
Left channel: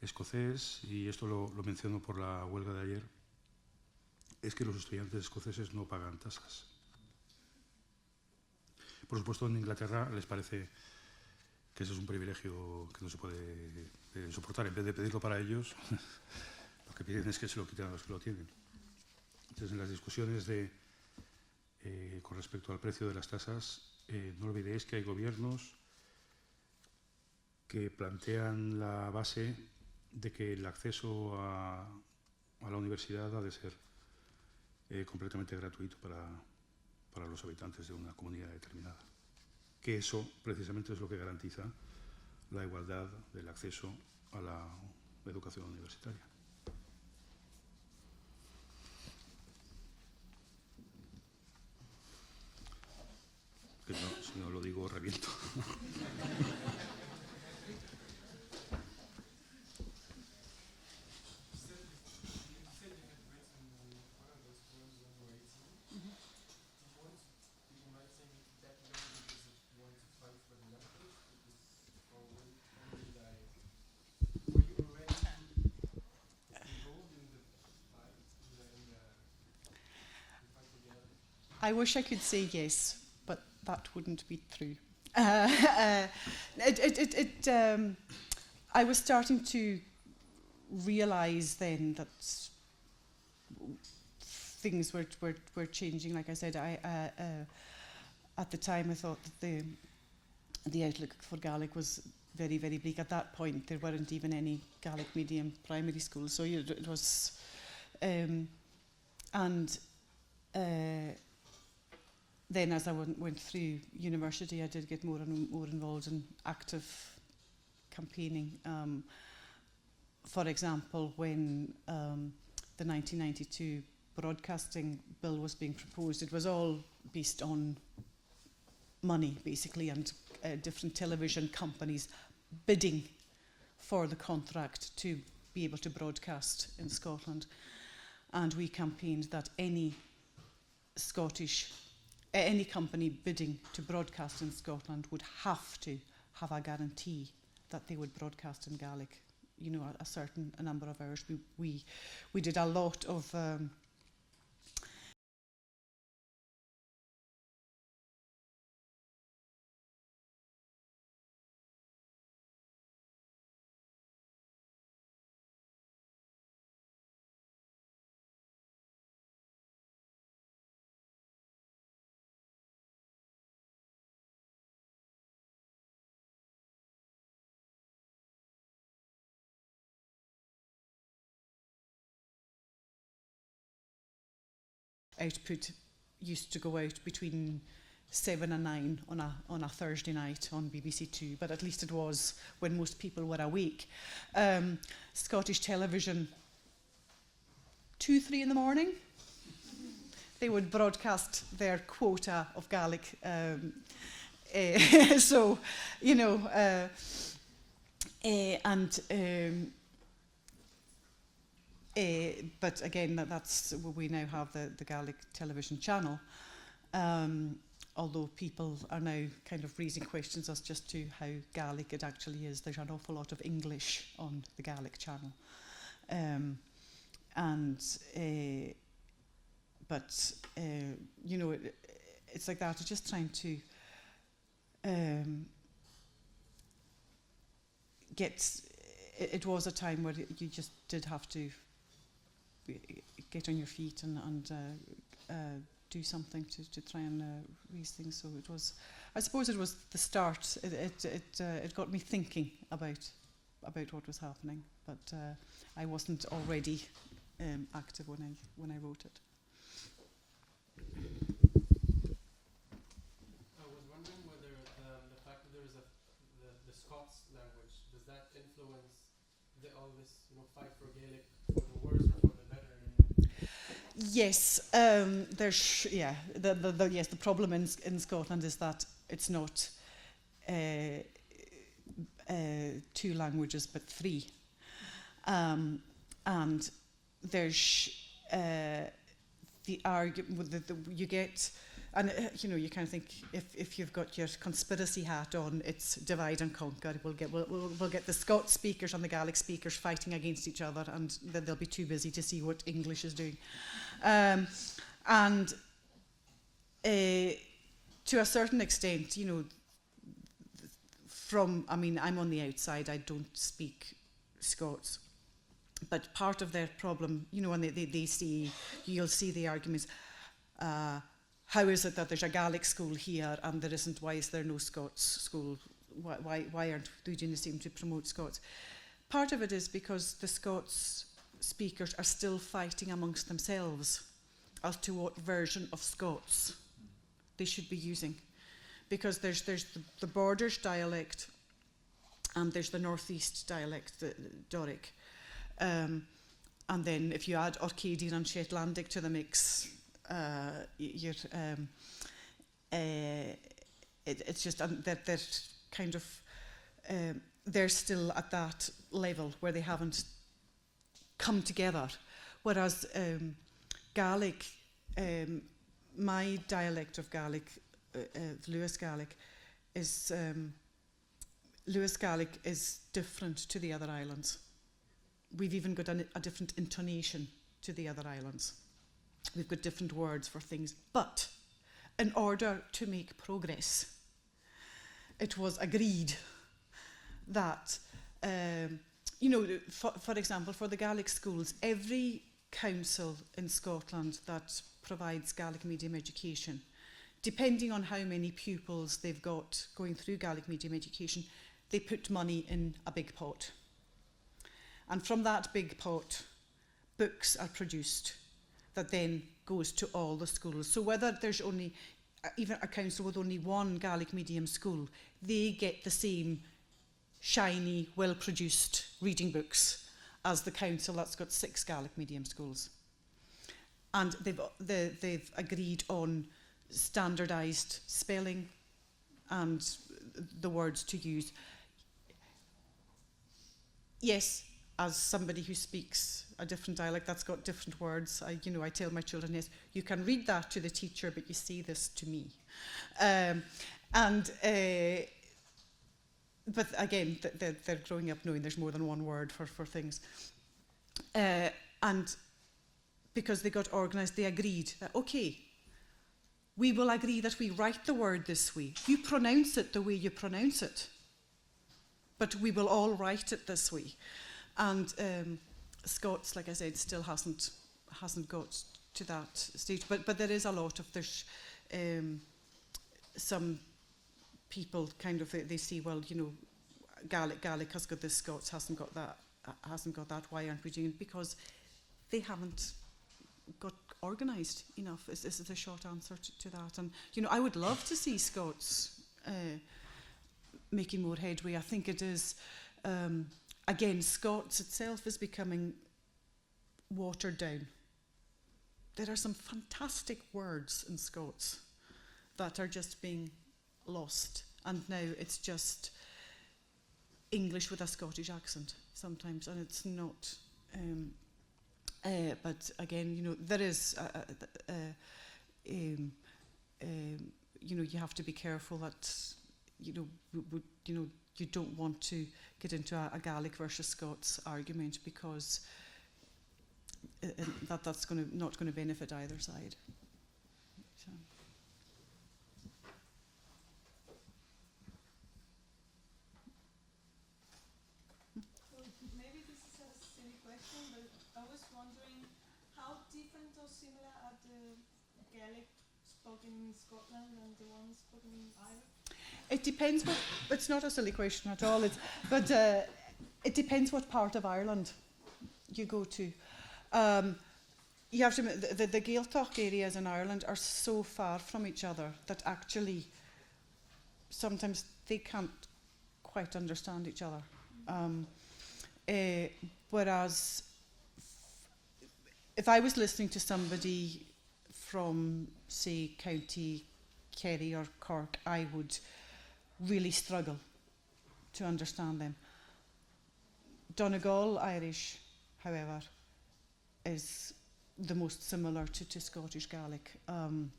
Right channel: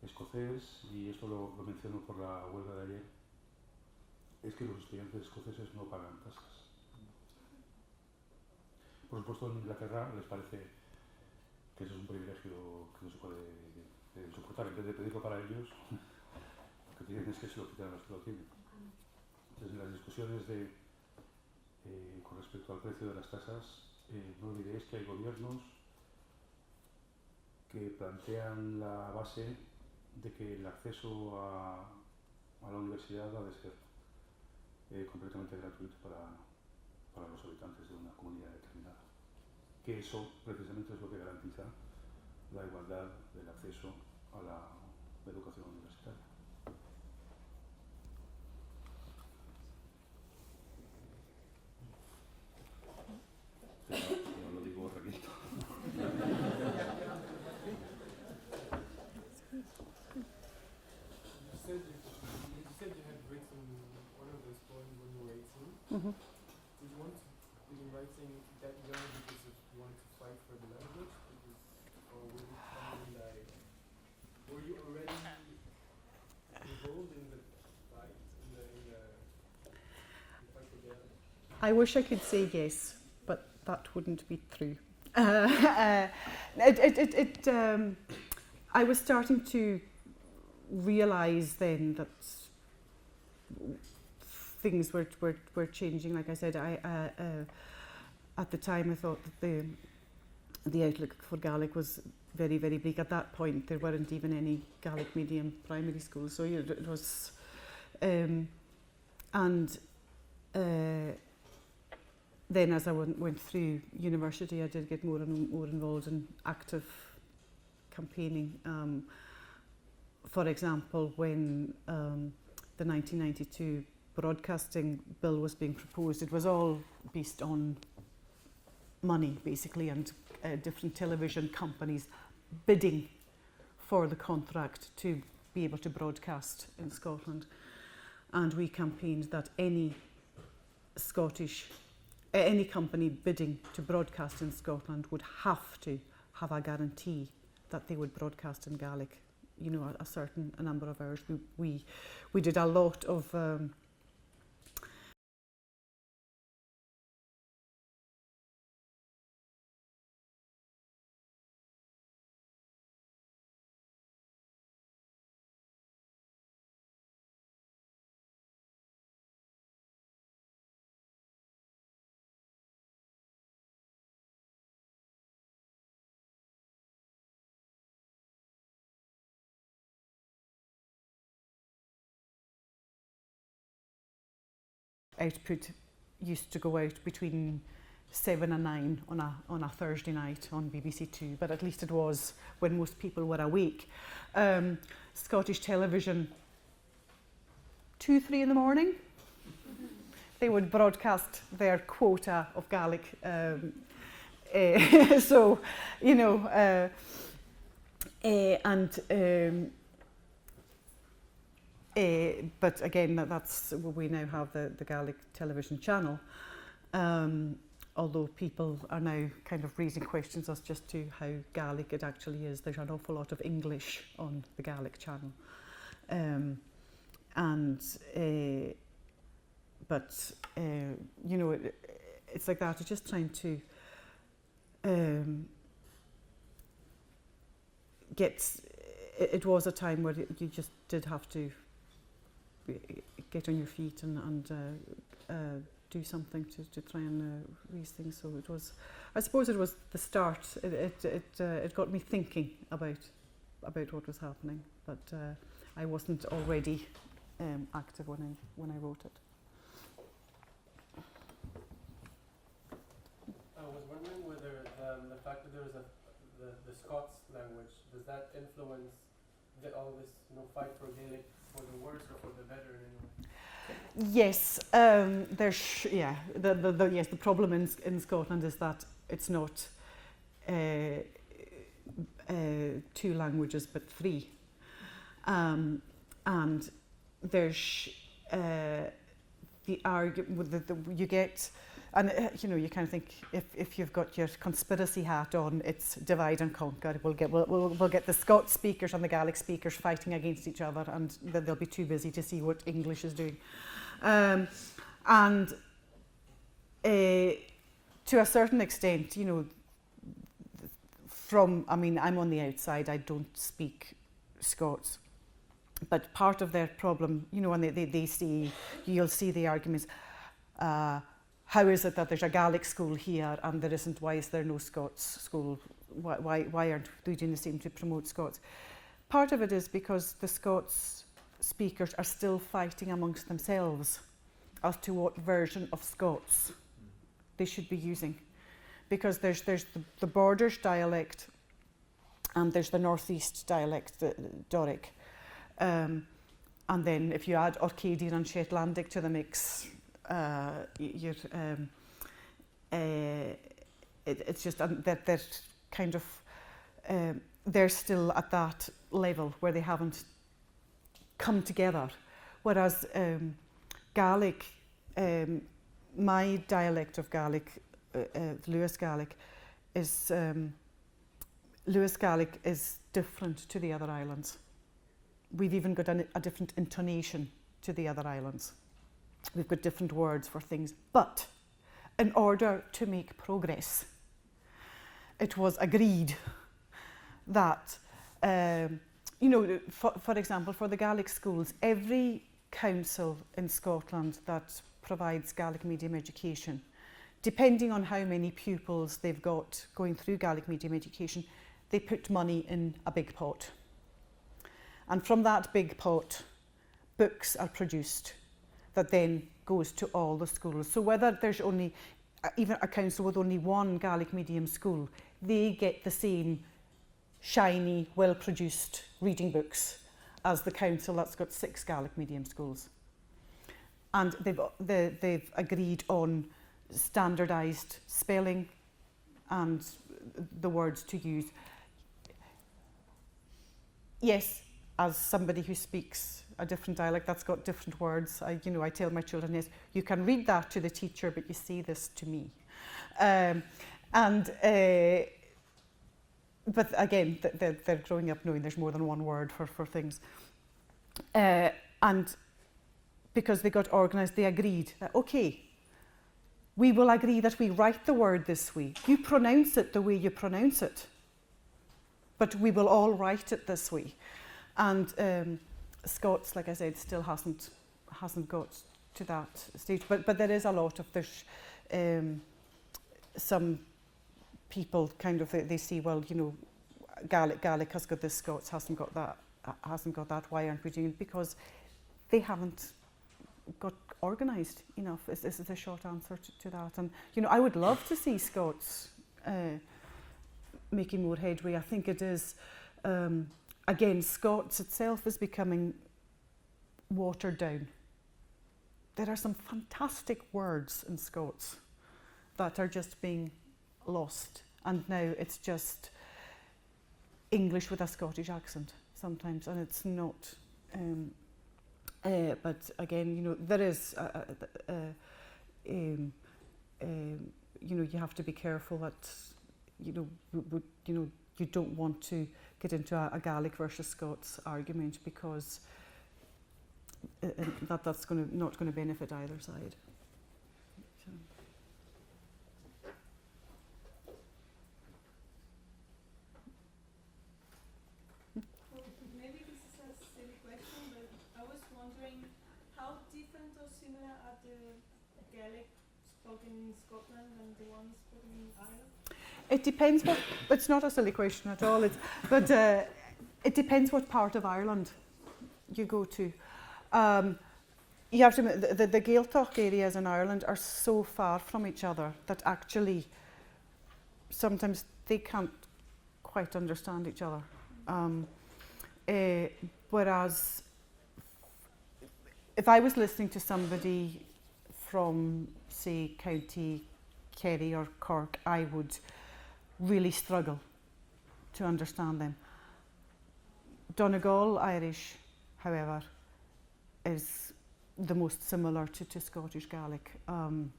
escocés, y esto lo menciono por la huelga de ayer, es que los estudiantes escoceses no pagan tasas. Por supuesto, en Inglaterra les parece que ese es un privilegio que no se puede soportar. En vez de pedirlo para ellos, lo que piden es que se lo quiten a los que lo tienen. Entonces, en las discusiones con respecto al precio de las tasas, no olvidéis que hay gobiernos que plantean la base de que el acceso a la universidad ha de ser completamente gratuito para los habitantes de una comunidad determinada. Que eso precisamente es lo que garantiza la igualdad del acceso a la educación universitaria. Que no, si no lo digo, reviento. You said you had written one of those poems when you were 18. Mm-hmm. Did you want to be writing that young because you wanted to fight for the language? Or was it something like, were you already involved in the fight, in the fight together? I wish I could say yes, but that wouldn't be true. I was starting to realise then that things were changing. Like I said, at the time I thought that the outlook for Gaelic was very, very bleak. At that point, there weren't even any Gaelic medium primary schools, so it was, then as I went through university, I did get more and more involved in active campaigning. For example, when the 1992 broadcasting bill was being proposed, it was all based on money, basically, and different television companies bidding for the contract to be able to broadcast in Scotland. And we campaigned that any company bidding to broadcast in Scotland would have to have a guarantee that they would broadcast in Gaelic, you know, a number of hours. We did a lot of output used to go out between 7 and 9 on a Thursday night on BBC Two, but at least it was when most people were awake. Scottish television, 2, 3 in the morning, they would broadcast their quota of Gaelic. So, you know, but again, that's we now have the Gaelic television channel. although people are now kind of raising questions as just to how Gaelic it actually is. There's an awful lot of English on the Gaelic channel. But you know, it's like that. It's just trying to it was a time where you just did have to get on your feet and do something to try and raise things. So it was, I suppose it was the start. It got me thinking about what was happening, but I wasn't already active when I wrote it. I was wondering whether the fact that there is the Scots language, does that influence all this fight for Gaelic for the worse or for the better? Yes, there's the problem in Scotland is that it's not 2 languages but 3, and there's the argument that you get, and you know, you kind of think if you've got your conspiracy hat on, it's divide and conquer. We'll get the Scots speakers and the Gaelic speakers fighting against each other, and they'll be too busy to see what English is doing. And to a certain extent, you know, I'm on the outside, I don't speak Scots, but part of their problem, you know, and they see, you'll see the arguments, how is it that there's a Gaelic school here and there isn't, why is there no Scots school, why aren't we doing the same to promote Scots? Part of it is because the Scots speakers are still fighting amongst themselves as to what version of Scots they should be using, because there's the Borders dialect and there's the Northeast dialect, the Doric, and then if you add Orcadian and Shetlandic to the mix, it's just that they're kind of they're still at that level where they haven't come together, whereas Gaelic, my dialect of Gaelic, Lewis Gaelic, is different to the other islands. We've even got a different intonation to the other islands. We've got different words for things, but in order to make progress, it was agreed that you know, for example, for the Gaelic schools, every council in Scotland that provides Gaelic medium education, depending on how many pupils they've got going through Gaelic medium education, they put money in a big pot. And from that big pot, books are produced that then goes to all the schools. So whether there's only, even a council with only 1 Gaelic medium school, they get the same shiny, well-produced reading books as the council that's got 6 Gaelic medium schools. And they've agreed on standardised spelling and the words to use. Yes, as somebody who speaks a different dialect that's got different words, I tell my children, yes, you can read that to the teacher, but you say this to me. But again, they're growing up knowing there's more than one word for things. And because they got organised, they agreed that, okay, we will agree that we write the word this way. You pronounce it the way you pronounce it, but we will all write it this way. And Scots, like I said, still hasn't got to that stage. But there is a lot of, there's some people kind of, they see, well, you know, Gaelic has got this, Scots hasn't got that, why aren't we doing it? Because they haven't got organised enough, is the short answer to that. And, you know, I would love to see Scots making more headway. I think it is, again, Scots itself is becoming watered down. There are some fantastic words in Scots that are just being lost, and now it's just English with a Scottish accent sometimes, and it's not. But again, you know, there is you have to be careful that, you don't want to get into a Gaelic versus Scots argument, because that's not going to benefit either side. So. Maybe this is a silly question, but I was wondering how different or similar are the Gaelic spoken in Scotland and the ones spoken in Ireland? It depends what. It's not a silly question at all. But it depends what part of Ireland you go to. You have to admit, the Gaeltacht areas in Ireland are so far from each other that actually sometimes they can't quite understand each other. Whereas if I was listening to somebody from, say, County Kerry or Cork, I would really struggle to understand them. Donegal Irish, however, is the most similar to Scottish Gaelic. In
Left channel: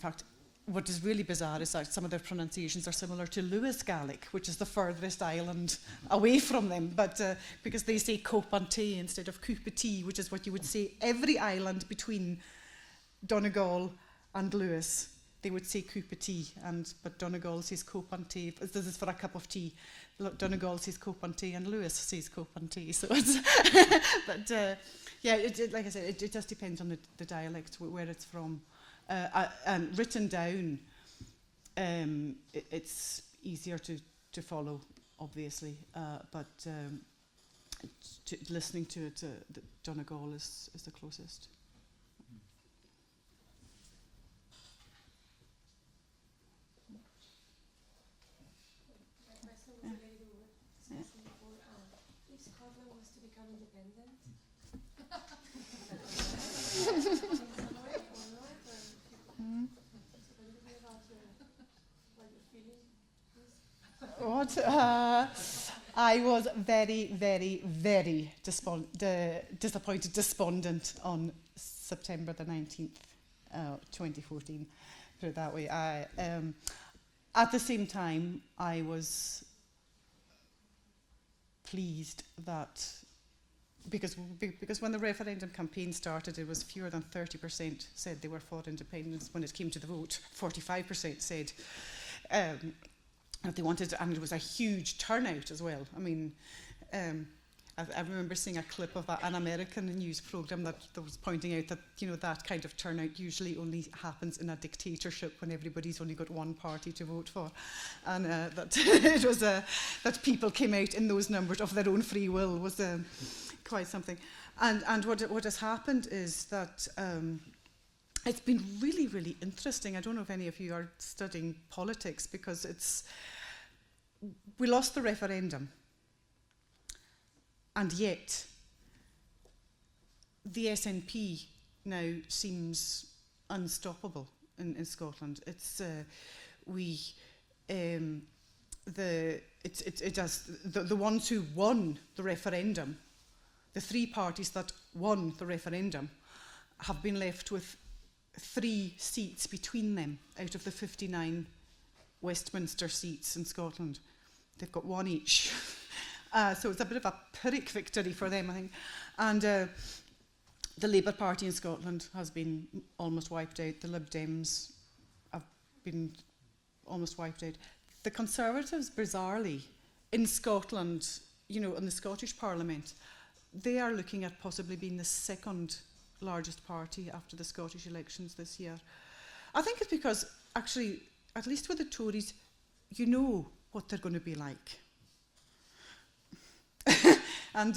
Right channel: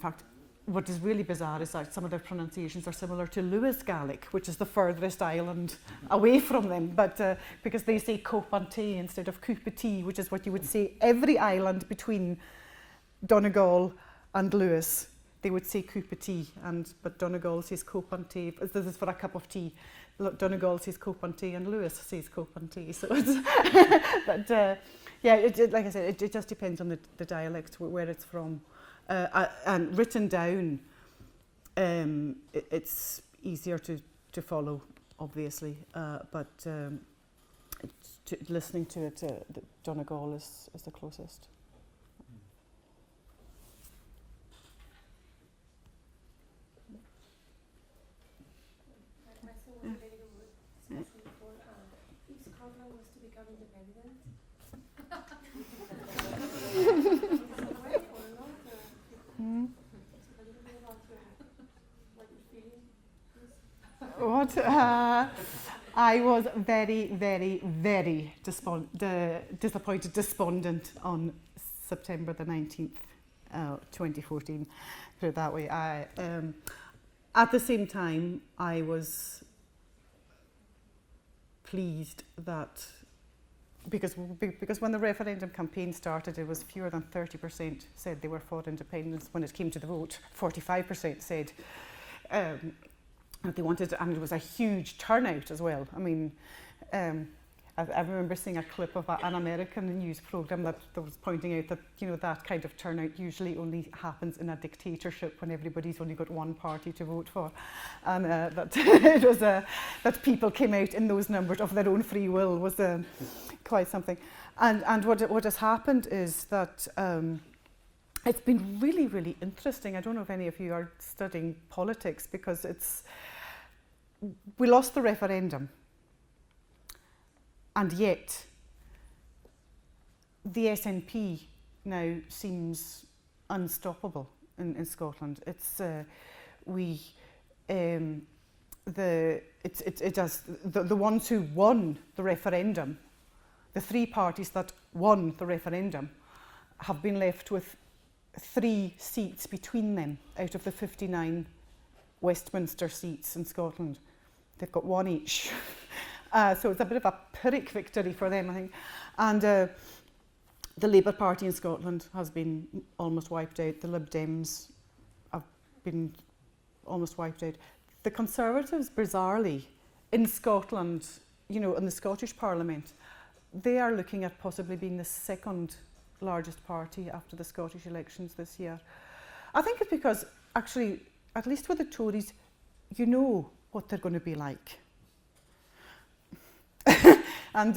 fact, what is really bizarre is that some of their pronunciations are similar to Lewis Gaelic, which is the furthest island away from them, but because they say Copantee instead of Coupatee, which is what you would say every island between Donegal and Lewis. They would say Coupatee, but Donegal says Copantee. This is for a cup of tea. Donegal says Copantee and Lewis says Copantee. So it's, but like I said, it just depends on the dialect, where it's from. And written down, it's easier to follow, obviously, but listening to it, Donegal is the closest. My question was related to what you said before. If Scotland was to become independent, What? I was very, very, very disappointed, despondent on September the 19th, 2014. Put it that way. At the same time, I was pleased that because when the referendum campaign started, it was fewer than 30% said they were for independence. When it came to the vote, 45% said that they wanted, and it was a huge turnout as well. I mean, I remember seeing a clip of an American news program that was pointing out that that kind of turnout usually only happens in a dictatorship when everybody's only got one party to vote for, and that it was that people came out in those numbers of their own free will was quite something. And what has happened is that it's been really, really interesting. I don't know if any of you are studying politics, because we lost the referendum. And yet, the SNP now seems unstoppable in Scotland. It's the ones who won the referendum, the three parties that won the referendum, have been left with 3 seats between them out of the 59 Westminster seats in Scotland. They've got 1 each. So it's a bit of a Pyrrhic victory for them, I think. And the Labour Party in Scotland has been almost wiped out. The Lib Dems have been almost wiped out. The Conservatives, bizarrely, in Scotland, in the Scottish Parliament, they are looking at possibly being the second largest party after the Scottish elections this year. I think it's because, actually, at least with the Tories, you know what they're going to be like. And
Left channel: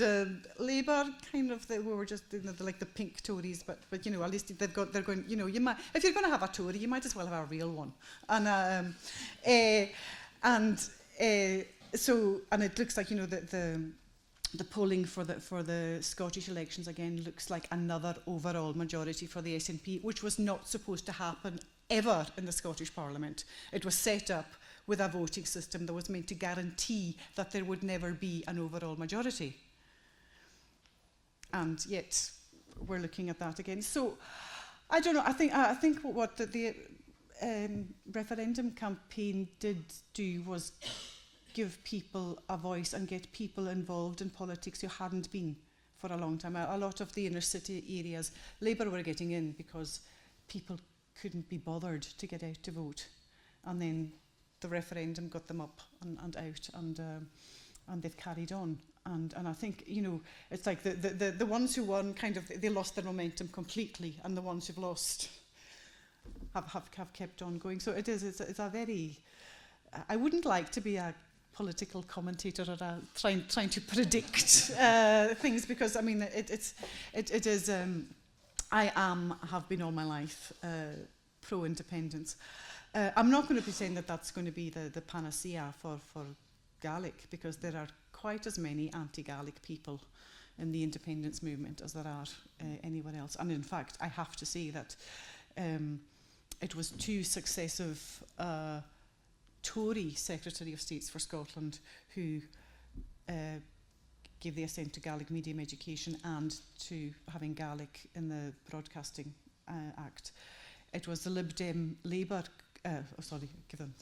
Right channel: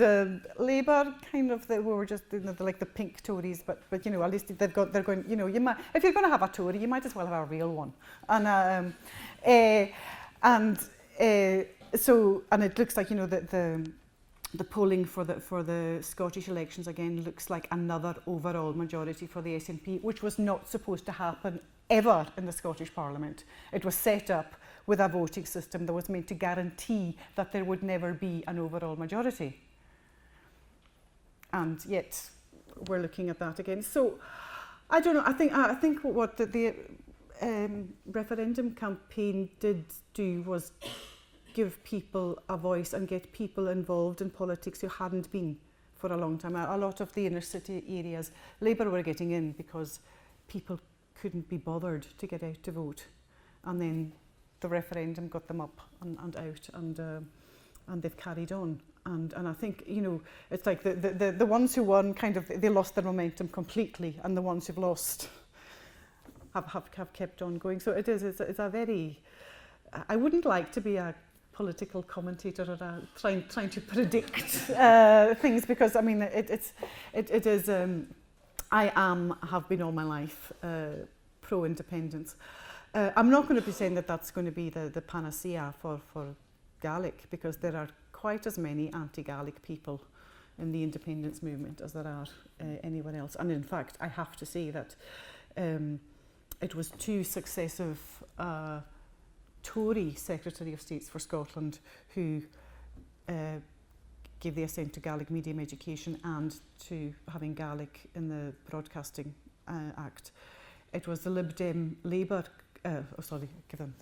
Labour, kind of, they were just like the pink Tories, but at least they're going. You might, if you're going to have a Tory, you might as well have a real one. And so it looks like the polling for the Scottish elections again looks like another overall majority for the SNP, which was not supposed to happen ever in the Scottish Parliament. It was set up with a voting system that was meant to guarantee that there would never be an overall majority. And yet, we're looking at that again. So, I don't know. I think what the referendum campaign did do was give people a voice and get people involved in politics who hadn't been for a long time. A lot of the inner city areas, Labour were getting in because people couldn't be bothered to get out to vote, and then the referendum got them up and out, and they've carried on. And I think, you know, it's like the ones who won kind of, they lost their momentum completely, and the ones who've lost have kept on going. So it's a very, I wouldn't like to be a political commentator or trying to predict things, because I mean it is I have been all my life pro-independence. I'm not going to be saying that that's going to be the panacea for Gaelic, because there are quite as many anti-Gaelic people in the independence movement as there are anywhere else. And in fact, I have to say that it was two successive Tory Secretary of States for Scotland who gave the assent to Gaelic medium education and to having Gaelic in the Broadcasting Act. It was the Lib Dem Labour, give them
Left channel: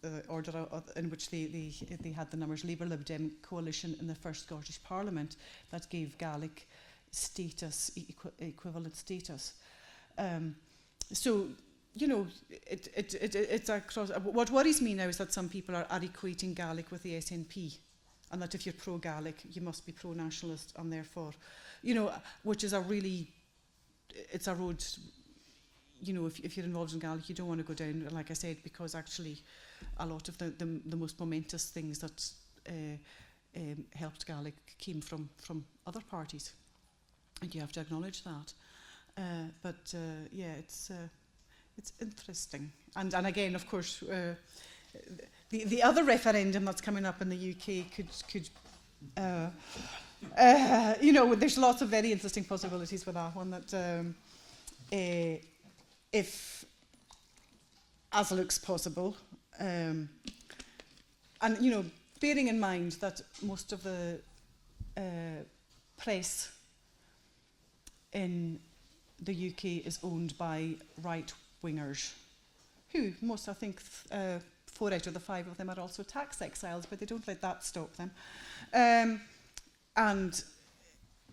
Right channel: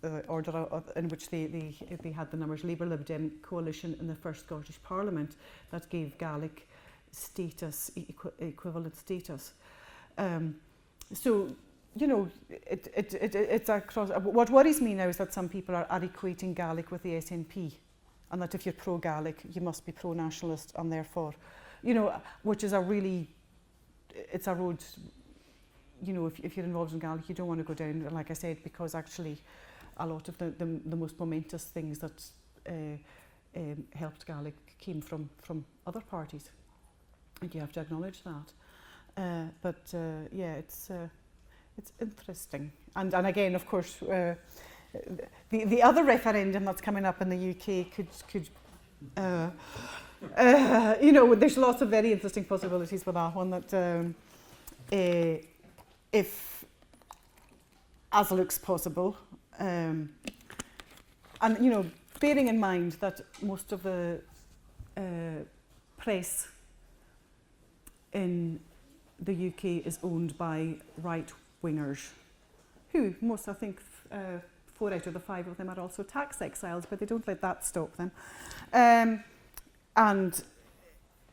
the order in which they had the numbers, Labour Lib Dem coalition in the first Scottish Parliament that gave Gaelic status, equivalent status. So, you know, it's across. What worries me now is that some people are equating Gaelic with the SNP, and that if you're pro-Gaelic, you must be pro-nationalist, and therefore, you know, which is it's a road, you know, if you're involved in Gaelic, you don't want to go down, like I said, because actually a lot of the most momentous things that helped Gaelic came from other parties. I think you have to acknowledge that. But yeah, it's interesting. And again, of course, the other referendum that's coming up in the UK could you know, there's lots of very interesting possibilities with that one, that if, as looks possible, and, you know, bearing in mind that most of the press in the UK is owned by right-wingers, who most, I think, 4 out of the 5 of them are also tax exiles, but they don't let that stop them. And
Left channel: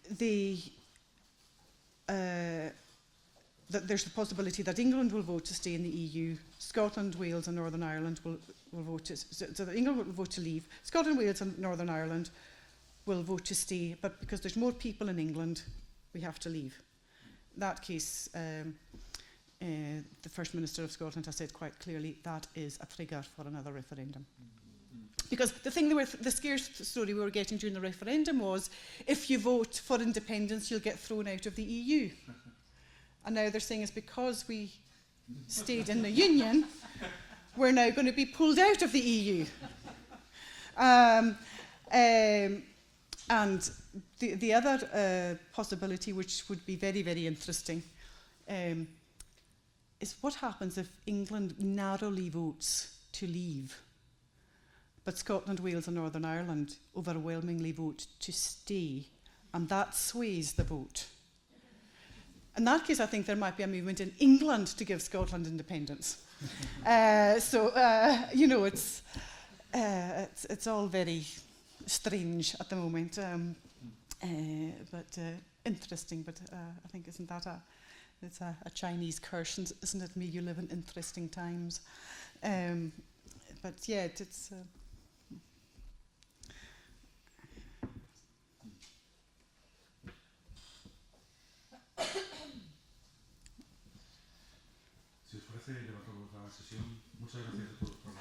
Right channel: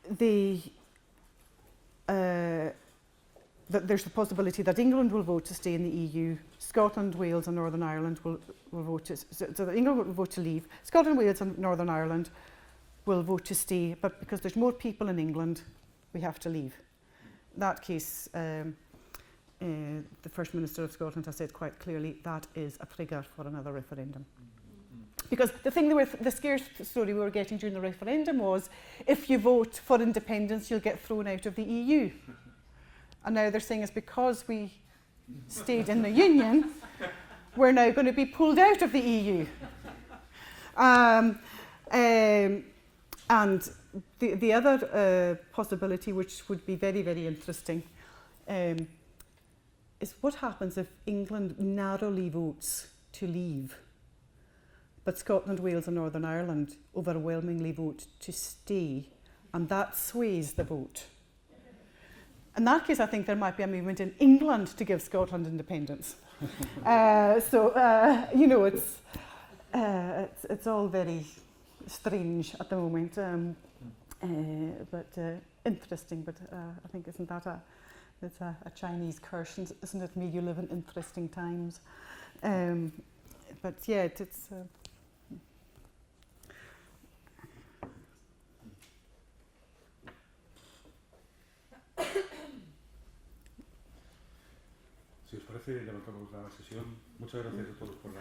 there's the possibility that England will vote to stay in the EU, Scotland, Wales and Northern Ireland will vote to, so that England will vote to leave, Scotland, Wales and Northern Ireland will vote to stay, but because there's more people in England, we have to leave. In that case, the First Minister of Scotland has said quite clearly that is a trigger for another referendum. Because the thing the scare story we were getting during the referendum was, if you vote for independence, you'll get thrown out of the EU. And now they're saying it's because we stayed in the Union, we're now going to be pulled out of the EU. And the other possibility, which would be very, very interesting, is what happens if England narrowly votes to leave, but Scotland, Wales and Northern Ireland overwhelmingly vote to stay, and that sways the vote. In that case, I think there might be a movement in England to give Scotland independence. You know, it's all very strange at the moment, but interesting. But I think isn't that it's a Chinese curse, isn't it? May you live in interesting times. But yeah, it's. Si os parece, levantamos la sesión. Muchas gracias a todos por la...